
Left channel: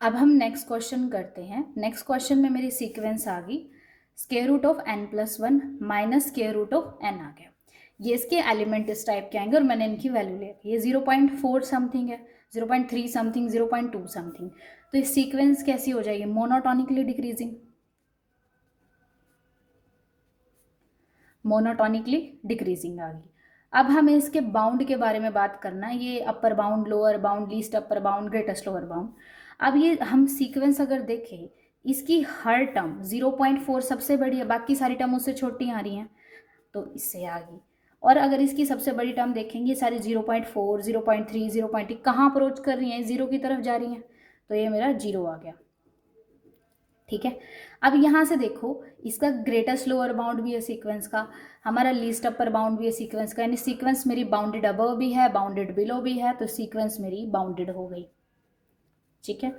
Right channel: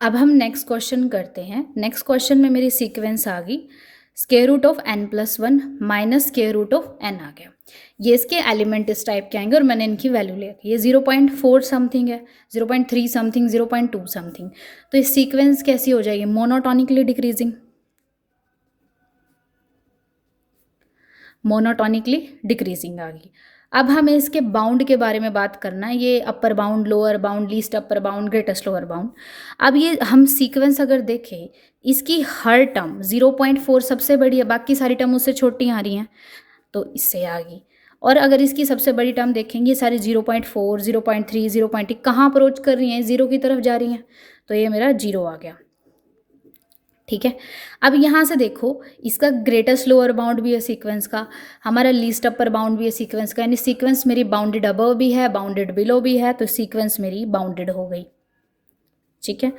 अब हम नेक्स्ट क्वेश्चन करते हैं। नेक्स्ट क्वेश्चन में मेरी सीक्वेंस आ गई square root of n+1 minus square root of n आ गया। ये इसके एलिमेंट इस टाइप के आएंगे और मैंने इनकी वैल्यू ले रखी है। 0.4 समथिंग है, 0.3 समथिंग, 0.2 समथिंग। तो ये सीक्वेंस कैसी हो जाएगी, मोनोटोनिकली डिक्रीजिंग, मोनोटोनिकली डिक्रीजिंग आ गई। अब हमें इसके बाउंड के बारे में बात करना है, ये upper bound, lower bound, least upper bound, greatest lower bound. अब ये हम सीक्वेंस अगर देखें, इसकी हर टर्म 0.4 सबसे बड़ी है, बाकी सारी टर्म उससे छोटी आ रही हैं, तो इससे आ गई। और अगर इसकी सबसे बड़ी टर्म देखेंगे, ये सारी 0.4, 0.3, 0.1 कहाँ अप्रोच कर रही हैं, ज़ीरो की तरफ जा रही हैं, तो ये मेरा 0 आ गया। ठीक है। अब यहाँ से देखो, इसका ग्रेटेस्ट लोअर बाउंड भी है सीक्वेंस का, हमारा लीस्ट अपर बाउंड भी है सीक्वेंस का, यानी सीक्वेंस मेरी बाउंडेड अबव भी है, बाउंडेड बिलो भी है, तो सीक्वेंस मेरी बाउंडेड हो गई। ठीक है।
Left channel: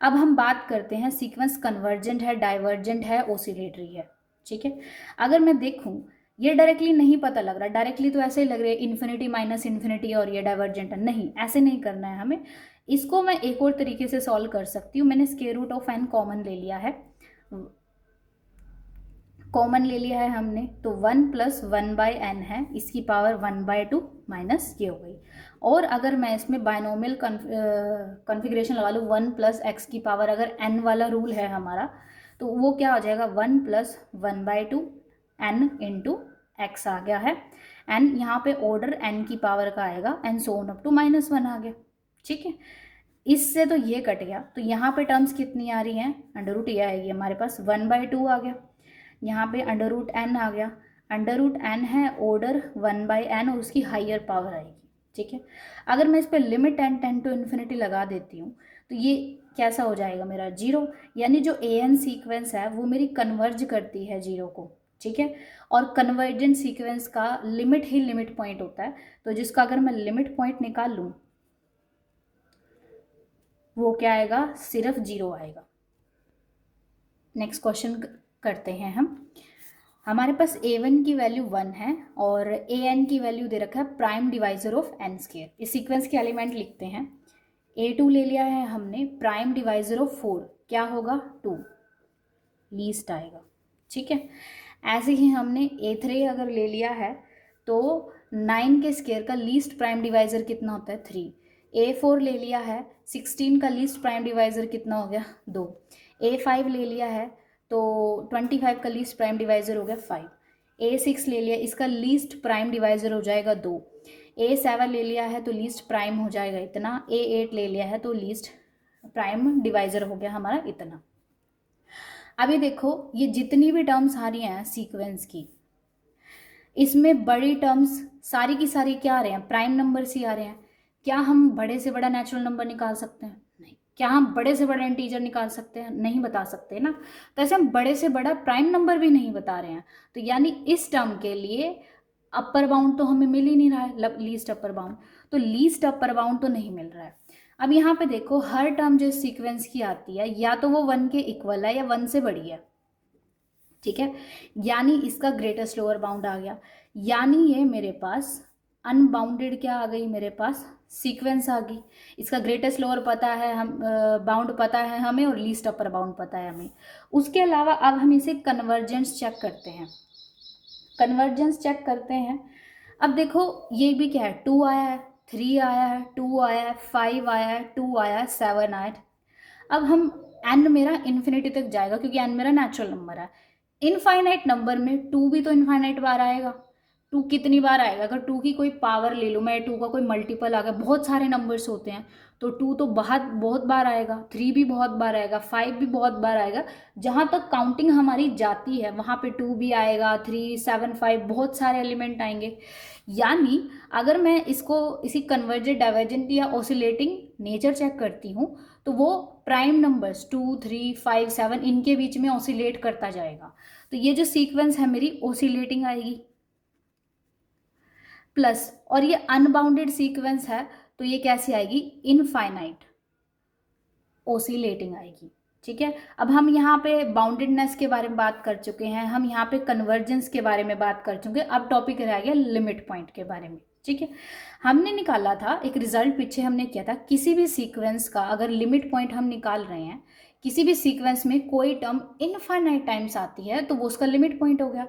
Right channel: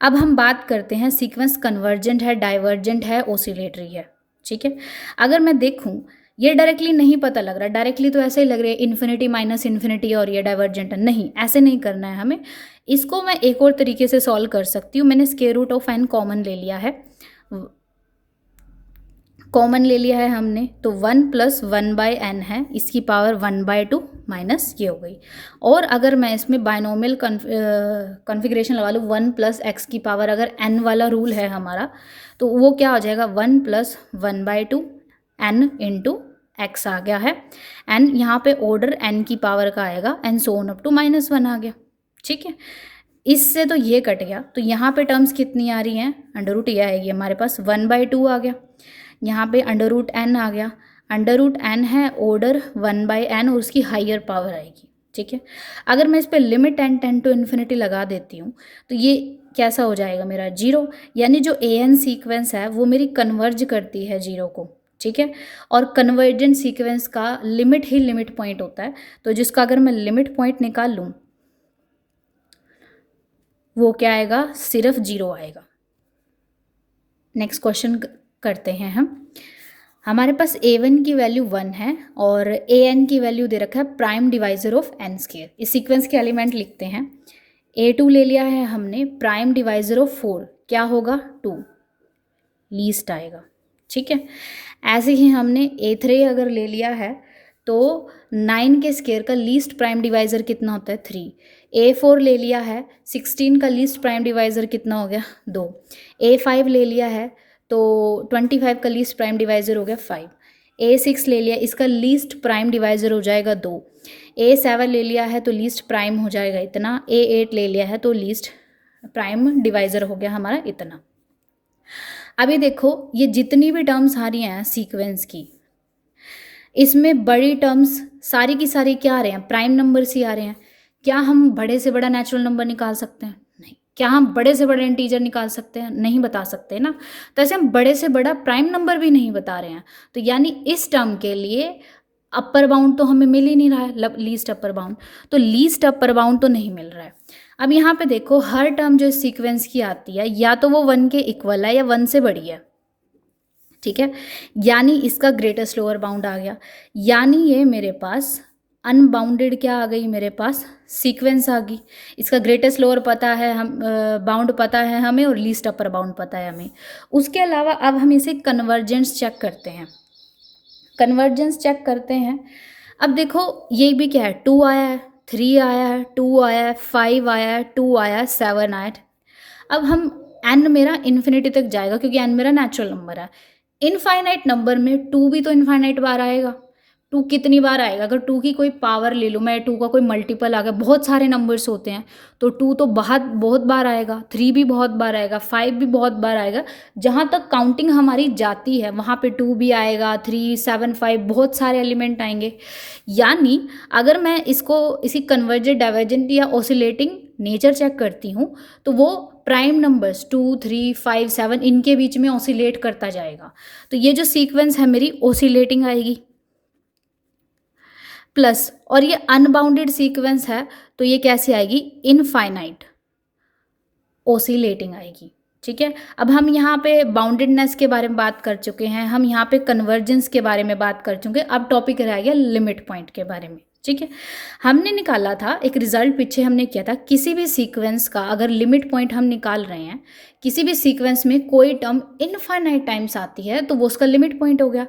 अब हम बात करते हैं सीक्वेंस कन्वर्जेंट है, डाइवर्जेंट है, ओसिलेटरी है। ठीक है। अगर मैं देखूं, ये डायरेक्टली नहीं पता लग रहा, डायरेक्टली तो ऐसे ही लग रहा है इन्फिनिटी माइनस इन्फिनिटी और ये डाइवर्जेंट है, नहीं ऐसे नहीं करना है हमें। इसको मैं एक और तरीके से सॉल्व कर सकती हूँ। मैंने square root of n common ले लिया है, कॉमन ले लिया है हमने, तो 1+1/n है, इसकी पावर 1/2 माइनस ये हो गई। और अगर मैं इसमें बायनोमियल कॉन्फ़िगरेशन लगा लूँ, 1+x की पावर, अगर n वाला रूल है हमारा, तो वो क्या हो जाएगा, 1+1/2 n इंटू x आ गया है। n यहाँ पे ऑर्डर n की पावर का आएगा, n so on up to -1 आ गया। ठीक है। इससे तो ये कट गया, तो यहाँ पे टर्म्स कितनी आ रही हैं, अंडर रूट ये आएगी हमारे पास, 1/2 आ गया, यहाँ पे अंडर रूट n आ गया, अंडर रूट n है ऑर्डर 1/n और उसकी हाइयर पावर आएगी। ठीक है। अगर मैं इस पर limit n tend to infinity लगा देती हूँ, तो ये कैसा हो जाएगा मेरा, 0, यानी जो an सीक्वेंस है वो मेरी कन्वर्ज करती है 0 को। ठीक है। और कन्वर्जेंट सीक्वेंस का लिमिट ही लिमिट पॉइंट होता है, तो जिसका अगर मैं लिमिट पॉइंट निकाल लूँ, वो क्या आएगा, सिर्फ 0 आएगा। नेक्स्ट क्वेश्चन करते हैं हम। हमारे पास a1 की वैल्यू 1 है और an की वैल्यू दे रखा है prime divisor of n square. इस सीक्वेंस के एलिमेंट लिखते हैं, a2 ले लिया है हमने, प्राइम डिवाइजर ऑफ 4 क्या होगा, 2, लीस्ट आएगा। ठीक है। ऐसे ही हमने a3 अगर ले लिया है, तो 9 के स्क्वायर का लीस्ट प्राइम डिवाइजर कितना होता है, 3। a4 ले लिया है, 16 का लीस्ट प्राइम डिवाइजर कितना हो गया, 2। a5 ले लिया है, तो 25 का लीस्ट प्राइम डिवाइजर हो गया 5। a6 ले लिया, इसका लीस्ट प्राइम डिवाइजर हो जाएगा 2। a7 ले लिया है, तो लीस्ट प्राइम हो जाएगा इतना। a8 ले लिया है, तो लीस्ट प्राइम डिवाइजर हो गया हमारा इतना। अभी देखो, ये जितनी भी टर्म्स आ रही हैं सीक्वेंस की, इसमें बड़ी टर्म्स सारी की सारी क्या आ रहे हैं, प्राइम नंबर्स ही आ रहे हैं। क्या हम बड़े से बड़ा नेचुरल नंबर निकाल सकते हैं, नहीं। क्या हम बड़े से बड़ा इंटीजर निकाल सकते हैं, नहीं बता सकते ना। तो ऐसे हम बड़े से बड़ा प्राइम नंबर भी नहीं बता रहे हैं, तो यानी इस टर्म के लिए अपर बाउंड तो हमें मिल ही नहीं रहा है, लीस्ट अपर बाउंड, तो लीस्ट अपर बाउंड तो नहीं मिल रहा है। अब यहाँ पे देखो, हर टर्म जो सीक्वेंस की आती है, या तो वो 1 के इक्वल है या 1 से बड़ी है। ठीक है। यानी इसका ग्रेटेस्ट लोअर बाउंड आ गया, यानी ये मेरे पास अनबाउंडेड क्या आ गई, मेरे पास सीक्वेंस आ गई। इसका ग्रेटेस्ट लोअर पता है, हम बाउंड पता है हमें, और लीस्ट अपर बाउंड पता है हमें। उसके अलावा अब हम इसे कन्वर्जेंस चेक करते हैं। कन्वर्जेंस चेक करते हैं। अब देखो, ये भी क्या है, 2 आया है, 3 आया है, 2 आया है, 5 आया है, 2 आया है, 7 आया है। अब हम n मेरा इन्फिनिटी तक जाएगा, क्योंकि n मेरा नेचुरल नंबर है। इनफाइनाइट नंबर में 2 भी तो इनफाइनाइट बार आएगा। 2 कितनी बार आएगा, अगर 2 की कोई पावर ले लो, मैं 2 का कोई मल्टीपल आ गया, बहुत सारे नंबर्स होते हैं, तो 2 तो बहुत बार आएगा, 3 भी बहुत बार आएगा, 5 भी बहुत बार आएगा। जहाँ तक काउंटिंग हमारी जाती है वहाँ पे 2 भी आएगा, 3, 7, 5 बहुत सारे एलिमेंट आएंगे। यानी अगर मैं इसी कन्वर्जेंट, डाइवर्जेंट या ऑसिलेटिंग नेचर चेक करती हूँ, तो वो प्राइम नंबर्स 2, 3, 5, 7 इनके बीच में ऑसिलेट करता जाएगा। तो ये जो सीक्वेंस है मेरी ऑसिलेटिंग आएगी। प्लस, और ये अनबाउंडेड सीक्वेंस है तो ये कैसी आएगी, इनफाइनाइट ओसिलेटिंग आएगी। ठीक है, अब हम यहाँ पे बाउंडेडनेस के बारे में बात कर चुके हैं, हम यहाँ पे कन्वर्जेंस के बारे में बात कर चुके हैं, अब टॉपिक रह गया लिमिट पॉइंट के बारे में। ठीक है, हमने निकाला था एक रिजल्ट, पीछे हमने किया था किसी भी सीक्वेंस का अगर लिमिट पॉइंट हम निकाल रहे हैं, किसी भी सीक्वेंस में कोई टर्म इनफाइनाइट टाइम्स आती है तो वो उसका लिमिट पॉइंट हो गया।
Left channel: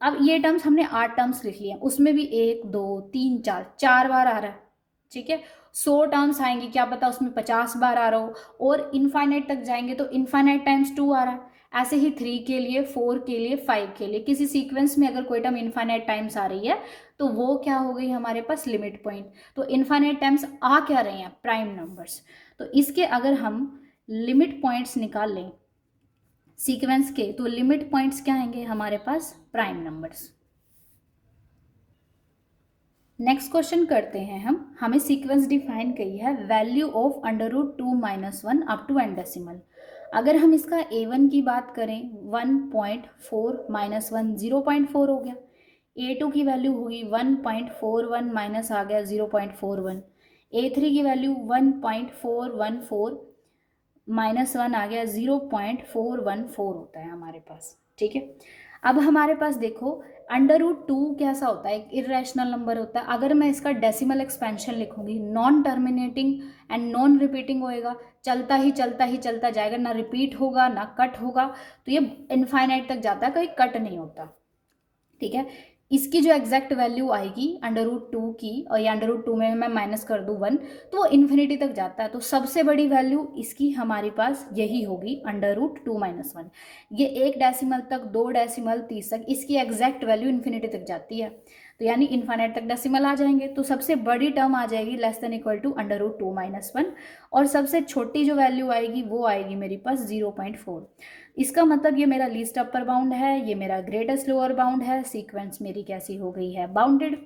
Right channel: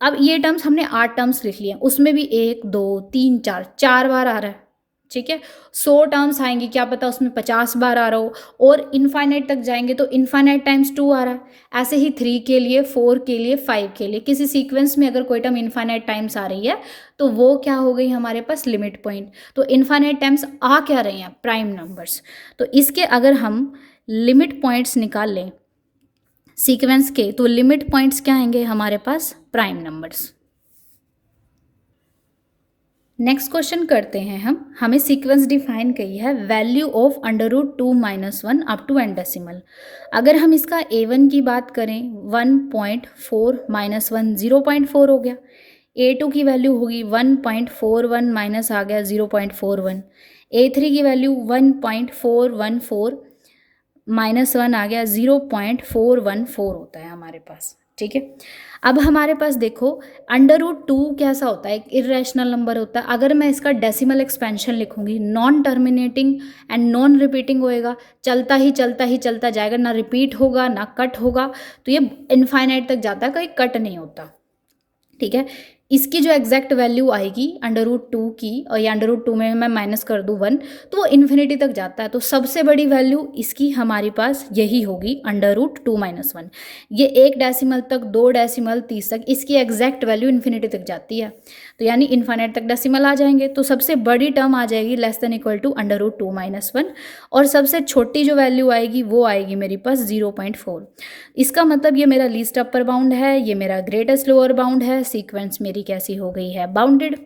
अब ये टर्म्स हमने 8 टर्म्स लिख लिए, उसमें भी 1 2 3 4 4 बार आ रहा है। ठीक है, 100 टर्म्स आएंगी, क्या पता उसमें 50 बार आ रहा हो, और इनफाइनाइट तक जाएंगे तो इनफाइनाइट टाइम्स 2 आ रहा है। ऐसे ही 3 के लिए, 4 के लिए, 5 के लिए, किसी सीक्वेंस में अगर कोई टर्म इनफाइनाइट टाइम्स आ रही है तो वो क्या हो गई हमारे पास, लिमिट पॉइंट। तो इनफाइनाइट टाइम्स आ क्या रही हैं, प्राइम नंबर्स। तो इसके अगर हम लिमिट पॉइंट्स निकाल लें सीक्वेंस के तो लिमिट पॉइंट्स क्या आएंगे हमारे पास, प्राइम नंबर्स। नेक्स्ट क्वेश्चन करते हैं हम, हमें सीक्वेंस डिफाइन की है value of √2 - 1 up to n decimal. अगर हम इसका A1 की बात करें 1.4 - 1 0.4 हो गया, A2 की वैल्यू होगी 1.41 माइनस आ गया 0.41, A3 की वैल्यू 1.414 -1 आ गया 0.414 होता है हमारे पास। ठीक है, अब हमारे पास देखो √2 कैसा होता है, एक इरेशनल नंबर होता है। अगर मैं इसका डेसिमल एक्सपेंशन लिखूंगी, non terminating and non repeating होएगा, चलता ही चलता ही चलता जाएगा, ना रिपीट होगा ना कट होगा, तो ये इनफाइनाइट तक जाता है, कहीं कट नहीं होता। ठीक है, इसकी जो एग्जैक्ट वैल्यू आएगी √2 की, और या √2 में मैं माइनस कर दूँ 1 तो वो इन्फिनिटी तक जाता है। तो सबसे बड़ी वैल्यू इसकी हमारे पास यही होगी √2 - 1। ये 1 डेसिमल तक, 2 डेसिमल, 30 तक, इसकी एग्जैक्ट वैल्यू इन्फिनिटी तक जाती है, तो यानी इन्फाइनाइट तक डेसिमल आ जाएंगे। तो सबसे बड़ी टर्म आ जाएगी <= √2 - 1, और सबसे छोटी जो वैल्यू आएगी वो आएगी मेरे पास 0.4। इसका मतलब ये मेरा लीस्ट अपर बाउंड है, ये मेरा ग्रेटेस्ट लोअर बाउंड है, सीक्वेंस मेरी कैसी हो गई है, बाउंडेड।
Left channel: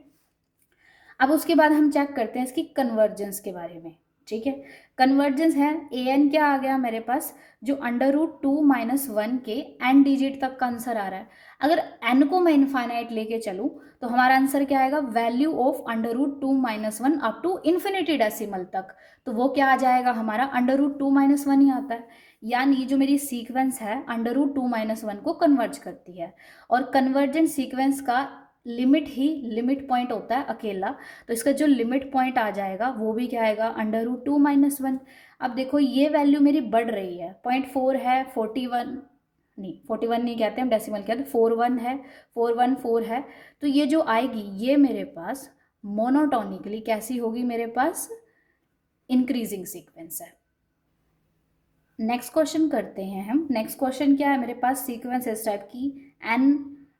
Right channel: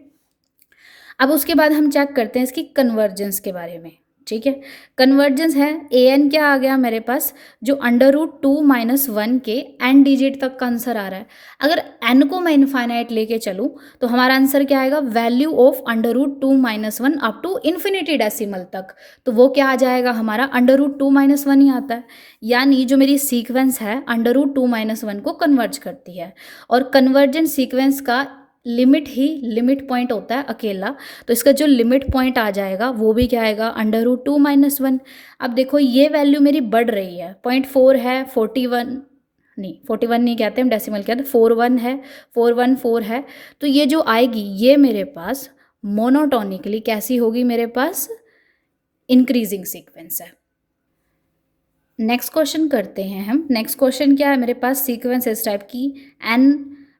अब उसके बाद हम चेक करते हैं इसकी कन्वर्जेंस के बारे में। ठीक है, कन्वर्जेंस है an क्या आ गया मेरे पास, जो √2 - 1 के n डिजिट तक का आंसर आ रहा है। अगर n को मैं इनफाइनाइट लेके चलूँ तो हमारा आंसर क्या आएगा, value of √2 - 1 up to infinity decimal तक, तो वो क्या आ जाएगा हमारा √2 - 1 ही आता है। यानी जो मेरी सीक्वेंस है √2 - 1 को कन्वर्ज करती है, और कन्वर्जेंट सीक्वेंस का लिमिट ही लिमिट पॉइंट होता है अकेला, तो इसका जो लिमिट पॉइंट आ जाएगा वो भी क्या आएगा, √2 - 1। अब देखो ये वैल्यू मेरी बढ़ रही है, 0.4 है, 41 नहीं, 41 नहीं कहते हम, डेसिमल कहते हैं, 41 है, 414 है, तो ये जो आएगी ये मेरे पास मोनोटोनिकली कैसी होगी, मेरे पास इंक्रीजिंग सीक्वेंस है। नेक्स्ट क्वेश्चन करते हैं हम। नेक्स्ट क्वेश्चन क्या है मेरे पास, सीक्वेंस इस टाइप की n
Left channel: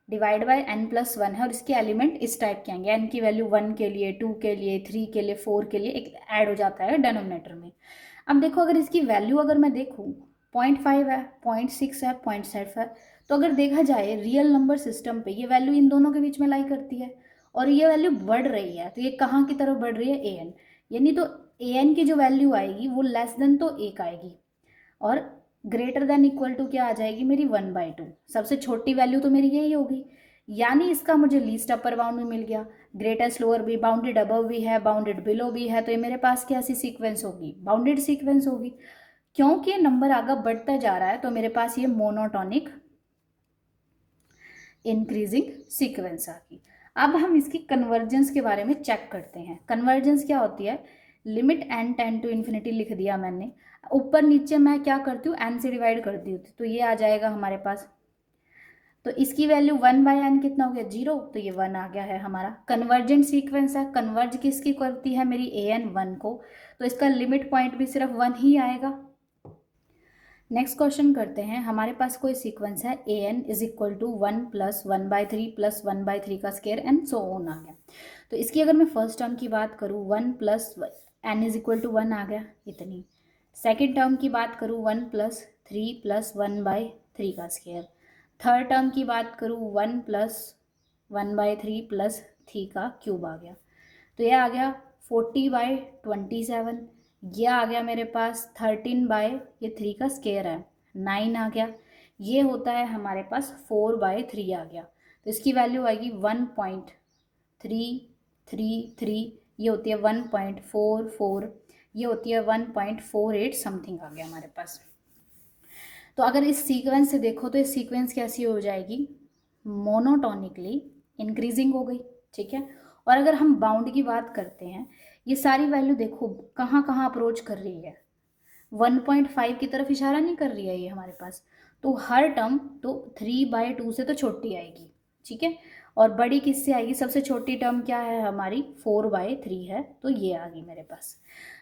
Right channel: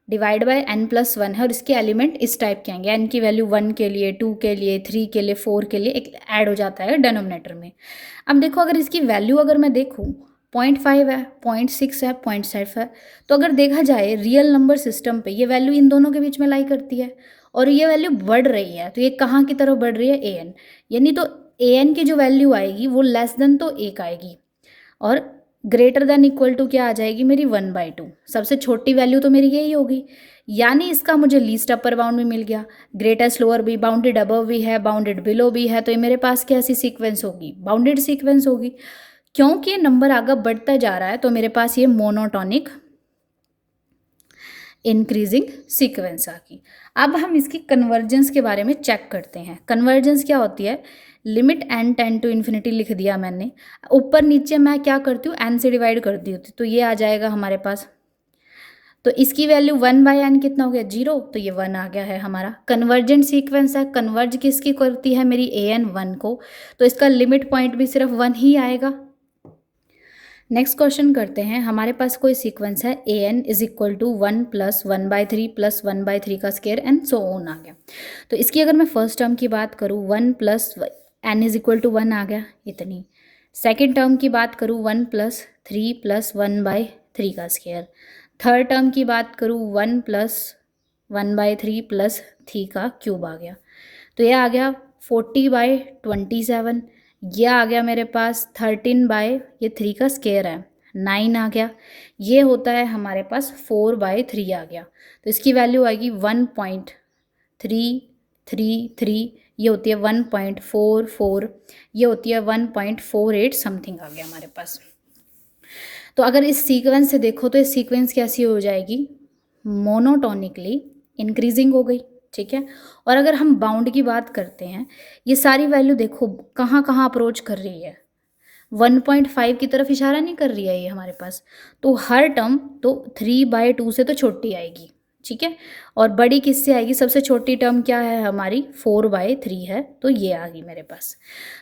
डिवाइड बाय n+1 है, और इसके एलिमेंट इस टाइप के आएंगे, n की वैल्यू 1 के लिए, 2 के लिए, 3 के लिए, 4 के लिए, एक ऐड हो जाता है डिनोमिनेटर में। अब देखो अगर इसकी वैल्यू अगर मैं देखूँ 0.5 है, 0.6 है, 0.7 है, तो अगर देखा जाए रियल नंबर सिस्टम पे ये वैल्यू इन दोनों के बीच में लाई करती है, और ये वैल्यू बढ़ रही है, तो ये कहाँ की तरफ बढ़ रही है, an, यानी तो an की जो वैल्यू आएगी वो लेस देन तो 1 आएगी, और ग्रेटर देन इक्वल टू क्या आ जाएगी मेरी 1/2। सबसे छोटी वैल्यू तो मेरी यही होगी, यानी इसका मुझे लीस्ट अपर बाउंड में मिल गया, ग्रेटेस्ट लोअर भी, बाउंडेड अबव भी है, बाउंडेड बिलो भी है, तो ये मेरे पास कैसी सीक्वेंस होगी, बाउंडेड सीक्वेंस होगी। क्योंकि नंबर आगे बढ़ता जा रहा है तो मेरे पास ये मोनोटोनिक इंक्रीजिंग सीक्वेंस आ गई। अब हम इसकी कन्वर्जेंस के बारे में चेक करते हैं। कन्वर्जेंस क्या होती है, limit n tend to infinity लिख दिया मैंने, ऊपर नीचे मैं क्या करती हूँ, n से डिवाइड कर दी होती, तो ये आ जाएगा हमारे पास, तो इसकी वैल्यू 1/n कितना हो गया, 0, तो ये 1 आ गया है हमारा। कन्वर्जेंट सीक्वेंस है, कन्वर्ज किसकी करती है मेरी an 1 को, तो इसका लिमिट पॉइंट भी सिर्फ 1 ही आएगा। नेक्स्ट क्वेश्चन करते हैं, हमारे पास कोई सीक्वेंस है an = 1 + 1/3 + 1/3 का स्क्वायर एंड सो ऑन आ गया। तो इसकी अगर मैं फर्स्ट टर्म की बात करूँ 1 + n = 1 आ गया इतनी। सेकेंड टर्म की बात करूँ 1 + 3 + 1/3 का स्क्वायर। थर्ड टर्म की बात करूँ 1 + 1/3 + 3 का क्यूब आ गया, तो ये आ गया 40/27। ये आ गया मेरे पास 13 ये 3 का स्क्वायर है 9 आ गया। ये होता है हमारे पास 4/3 आ गया, तो इसकी वैल्यू आएगी 1.3 1.33, ये होती है 1.44, ये होती है 1.48 समथिंग आ गया हमारे पास। तो अगर इस सीक्वेंस से देखो तो इस सीक्वेंस कैसी हो जाएगी, मोनोटोनिकली इंक्रीजिंग हो गई, ठीक है। और अगर हम बाउंड की बात करते हैं, ये सारी वैल्यू देखो कहाँ कहाँ अप्रोच कर रही है, 1.5 की तरफ इशारा नहीं कर रही है ये हमारे पास। तो हर टर्म तो 3/2 से तो छोटी आएगी, ठीक है। और बड़ी किससे आएगी, सबसे छोटी टर्म क्या है हमारी, 4/3 है, तो ये आ गई मेरे पास।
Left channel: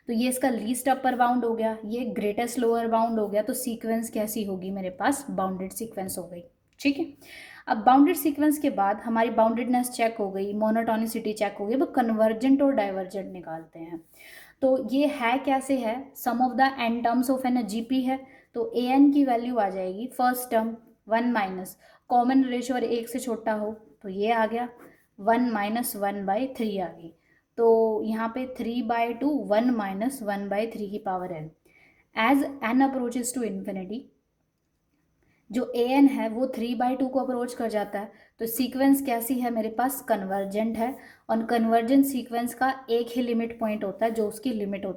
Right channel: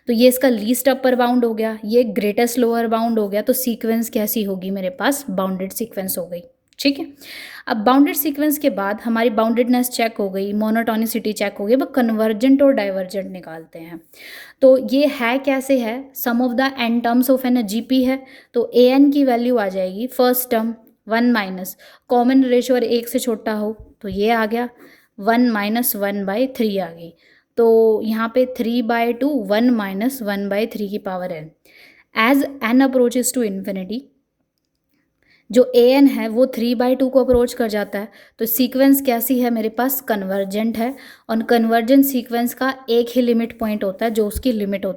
तो ये इसका लीस्ट अपर बाउंड हो गया, ये ग्रेटेस्ट लोअर बाउंड हो गया। तो सीक्वेंस कैसी होगी मेरे पास, बाउंडेड सीक्वेंस हो गई, ठीक है। अब बाउंडेड सीक्वेंस के बाद हमारी बाउंडेडनेस चेक हो गई, मोनोटोनिसिटी चेक हो गई, अब कन्वर्जेंट और डाइवर्जेंट निकालते हैं। तो ये है कैसे है, sum of the n terms of an GP है। तो ए एन की वैल्यू आ जाएगी first term 1 minus common ratio और 1 से छोटा हो तो ये आ गया 1 माइनस 1/3 आ गई। तो यहाँ पे 3/2 1 माइनस 1/3 की power n। As n approaches to infinity, जो ए एन है वो 3/2 को अप्रोच कर जाता है। तो सीक्वेंस कैसी है मेरे पास, कन्वर्जेंट है। और कन्वर्जेंट सीक्वेंस का एक ही लिमिट पॉइंट होता है जो उसकी लिमिट होती है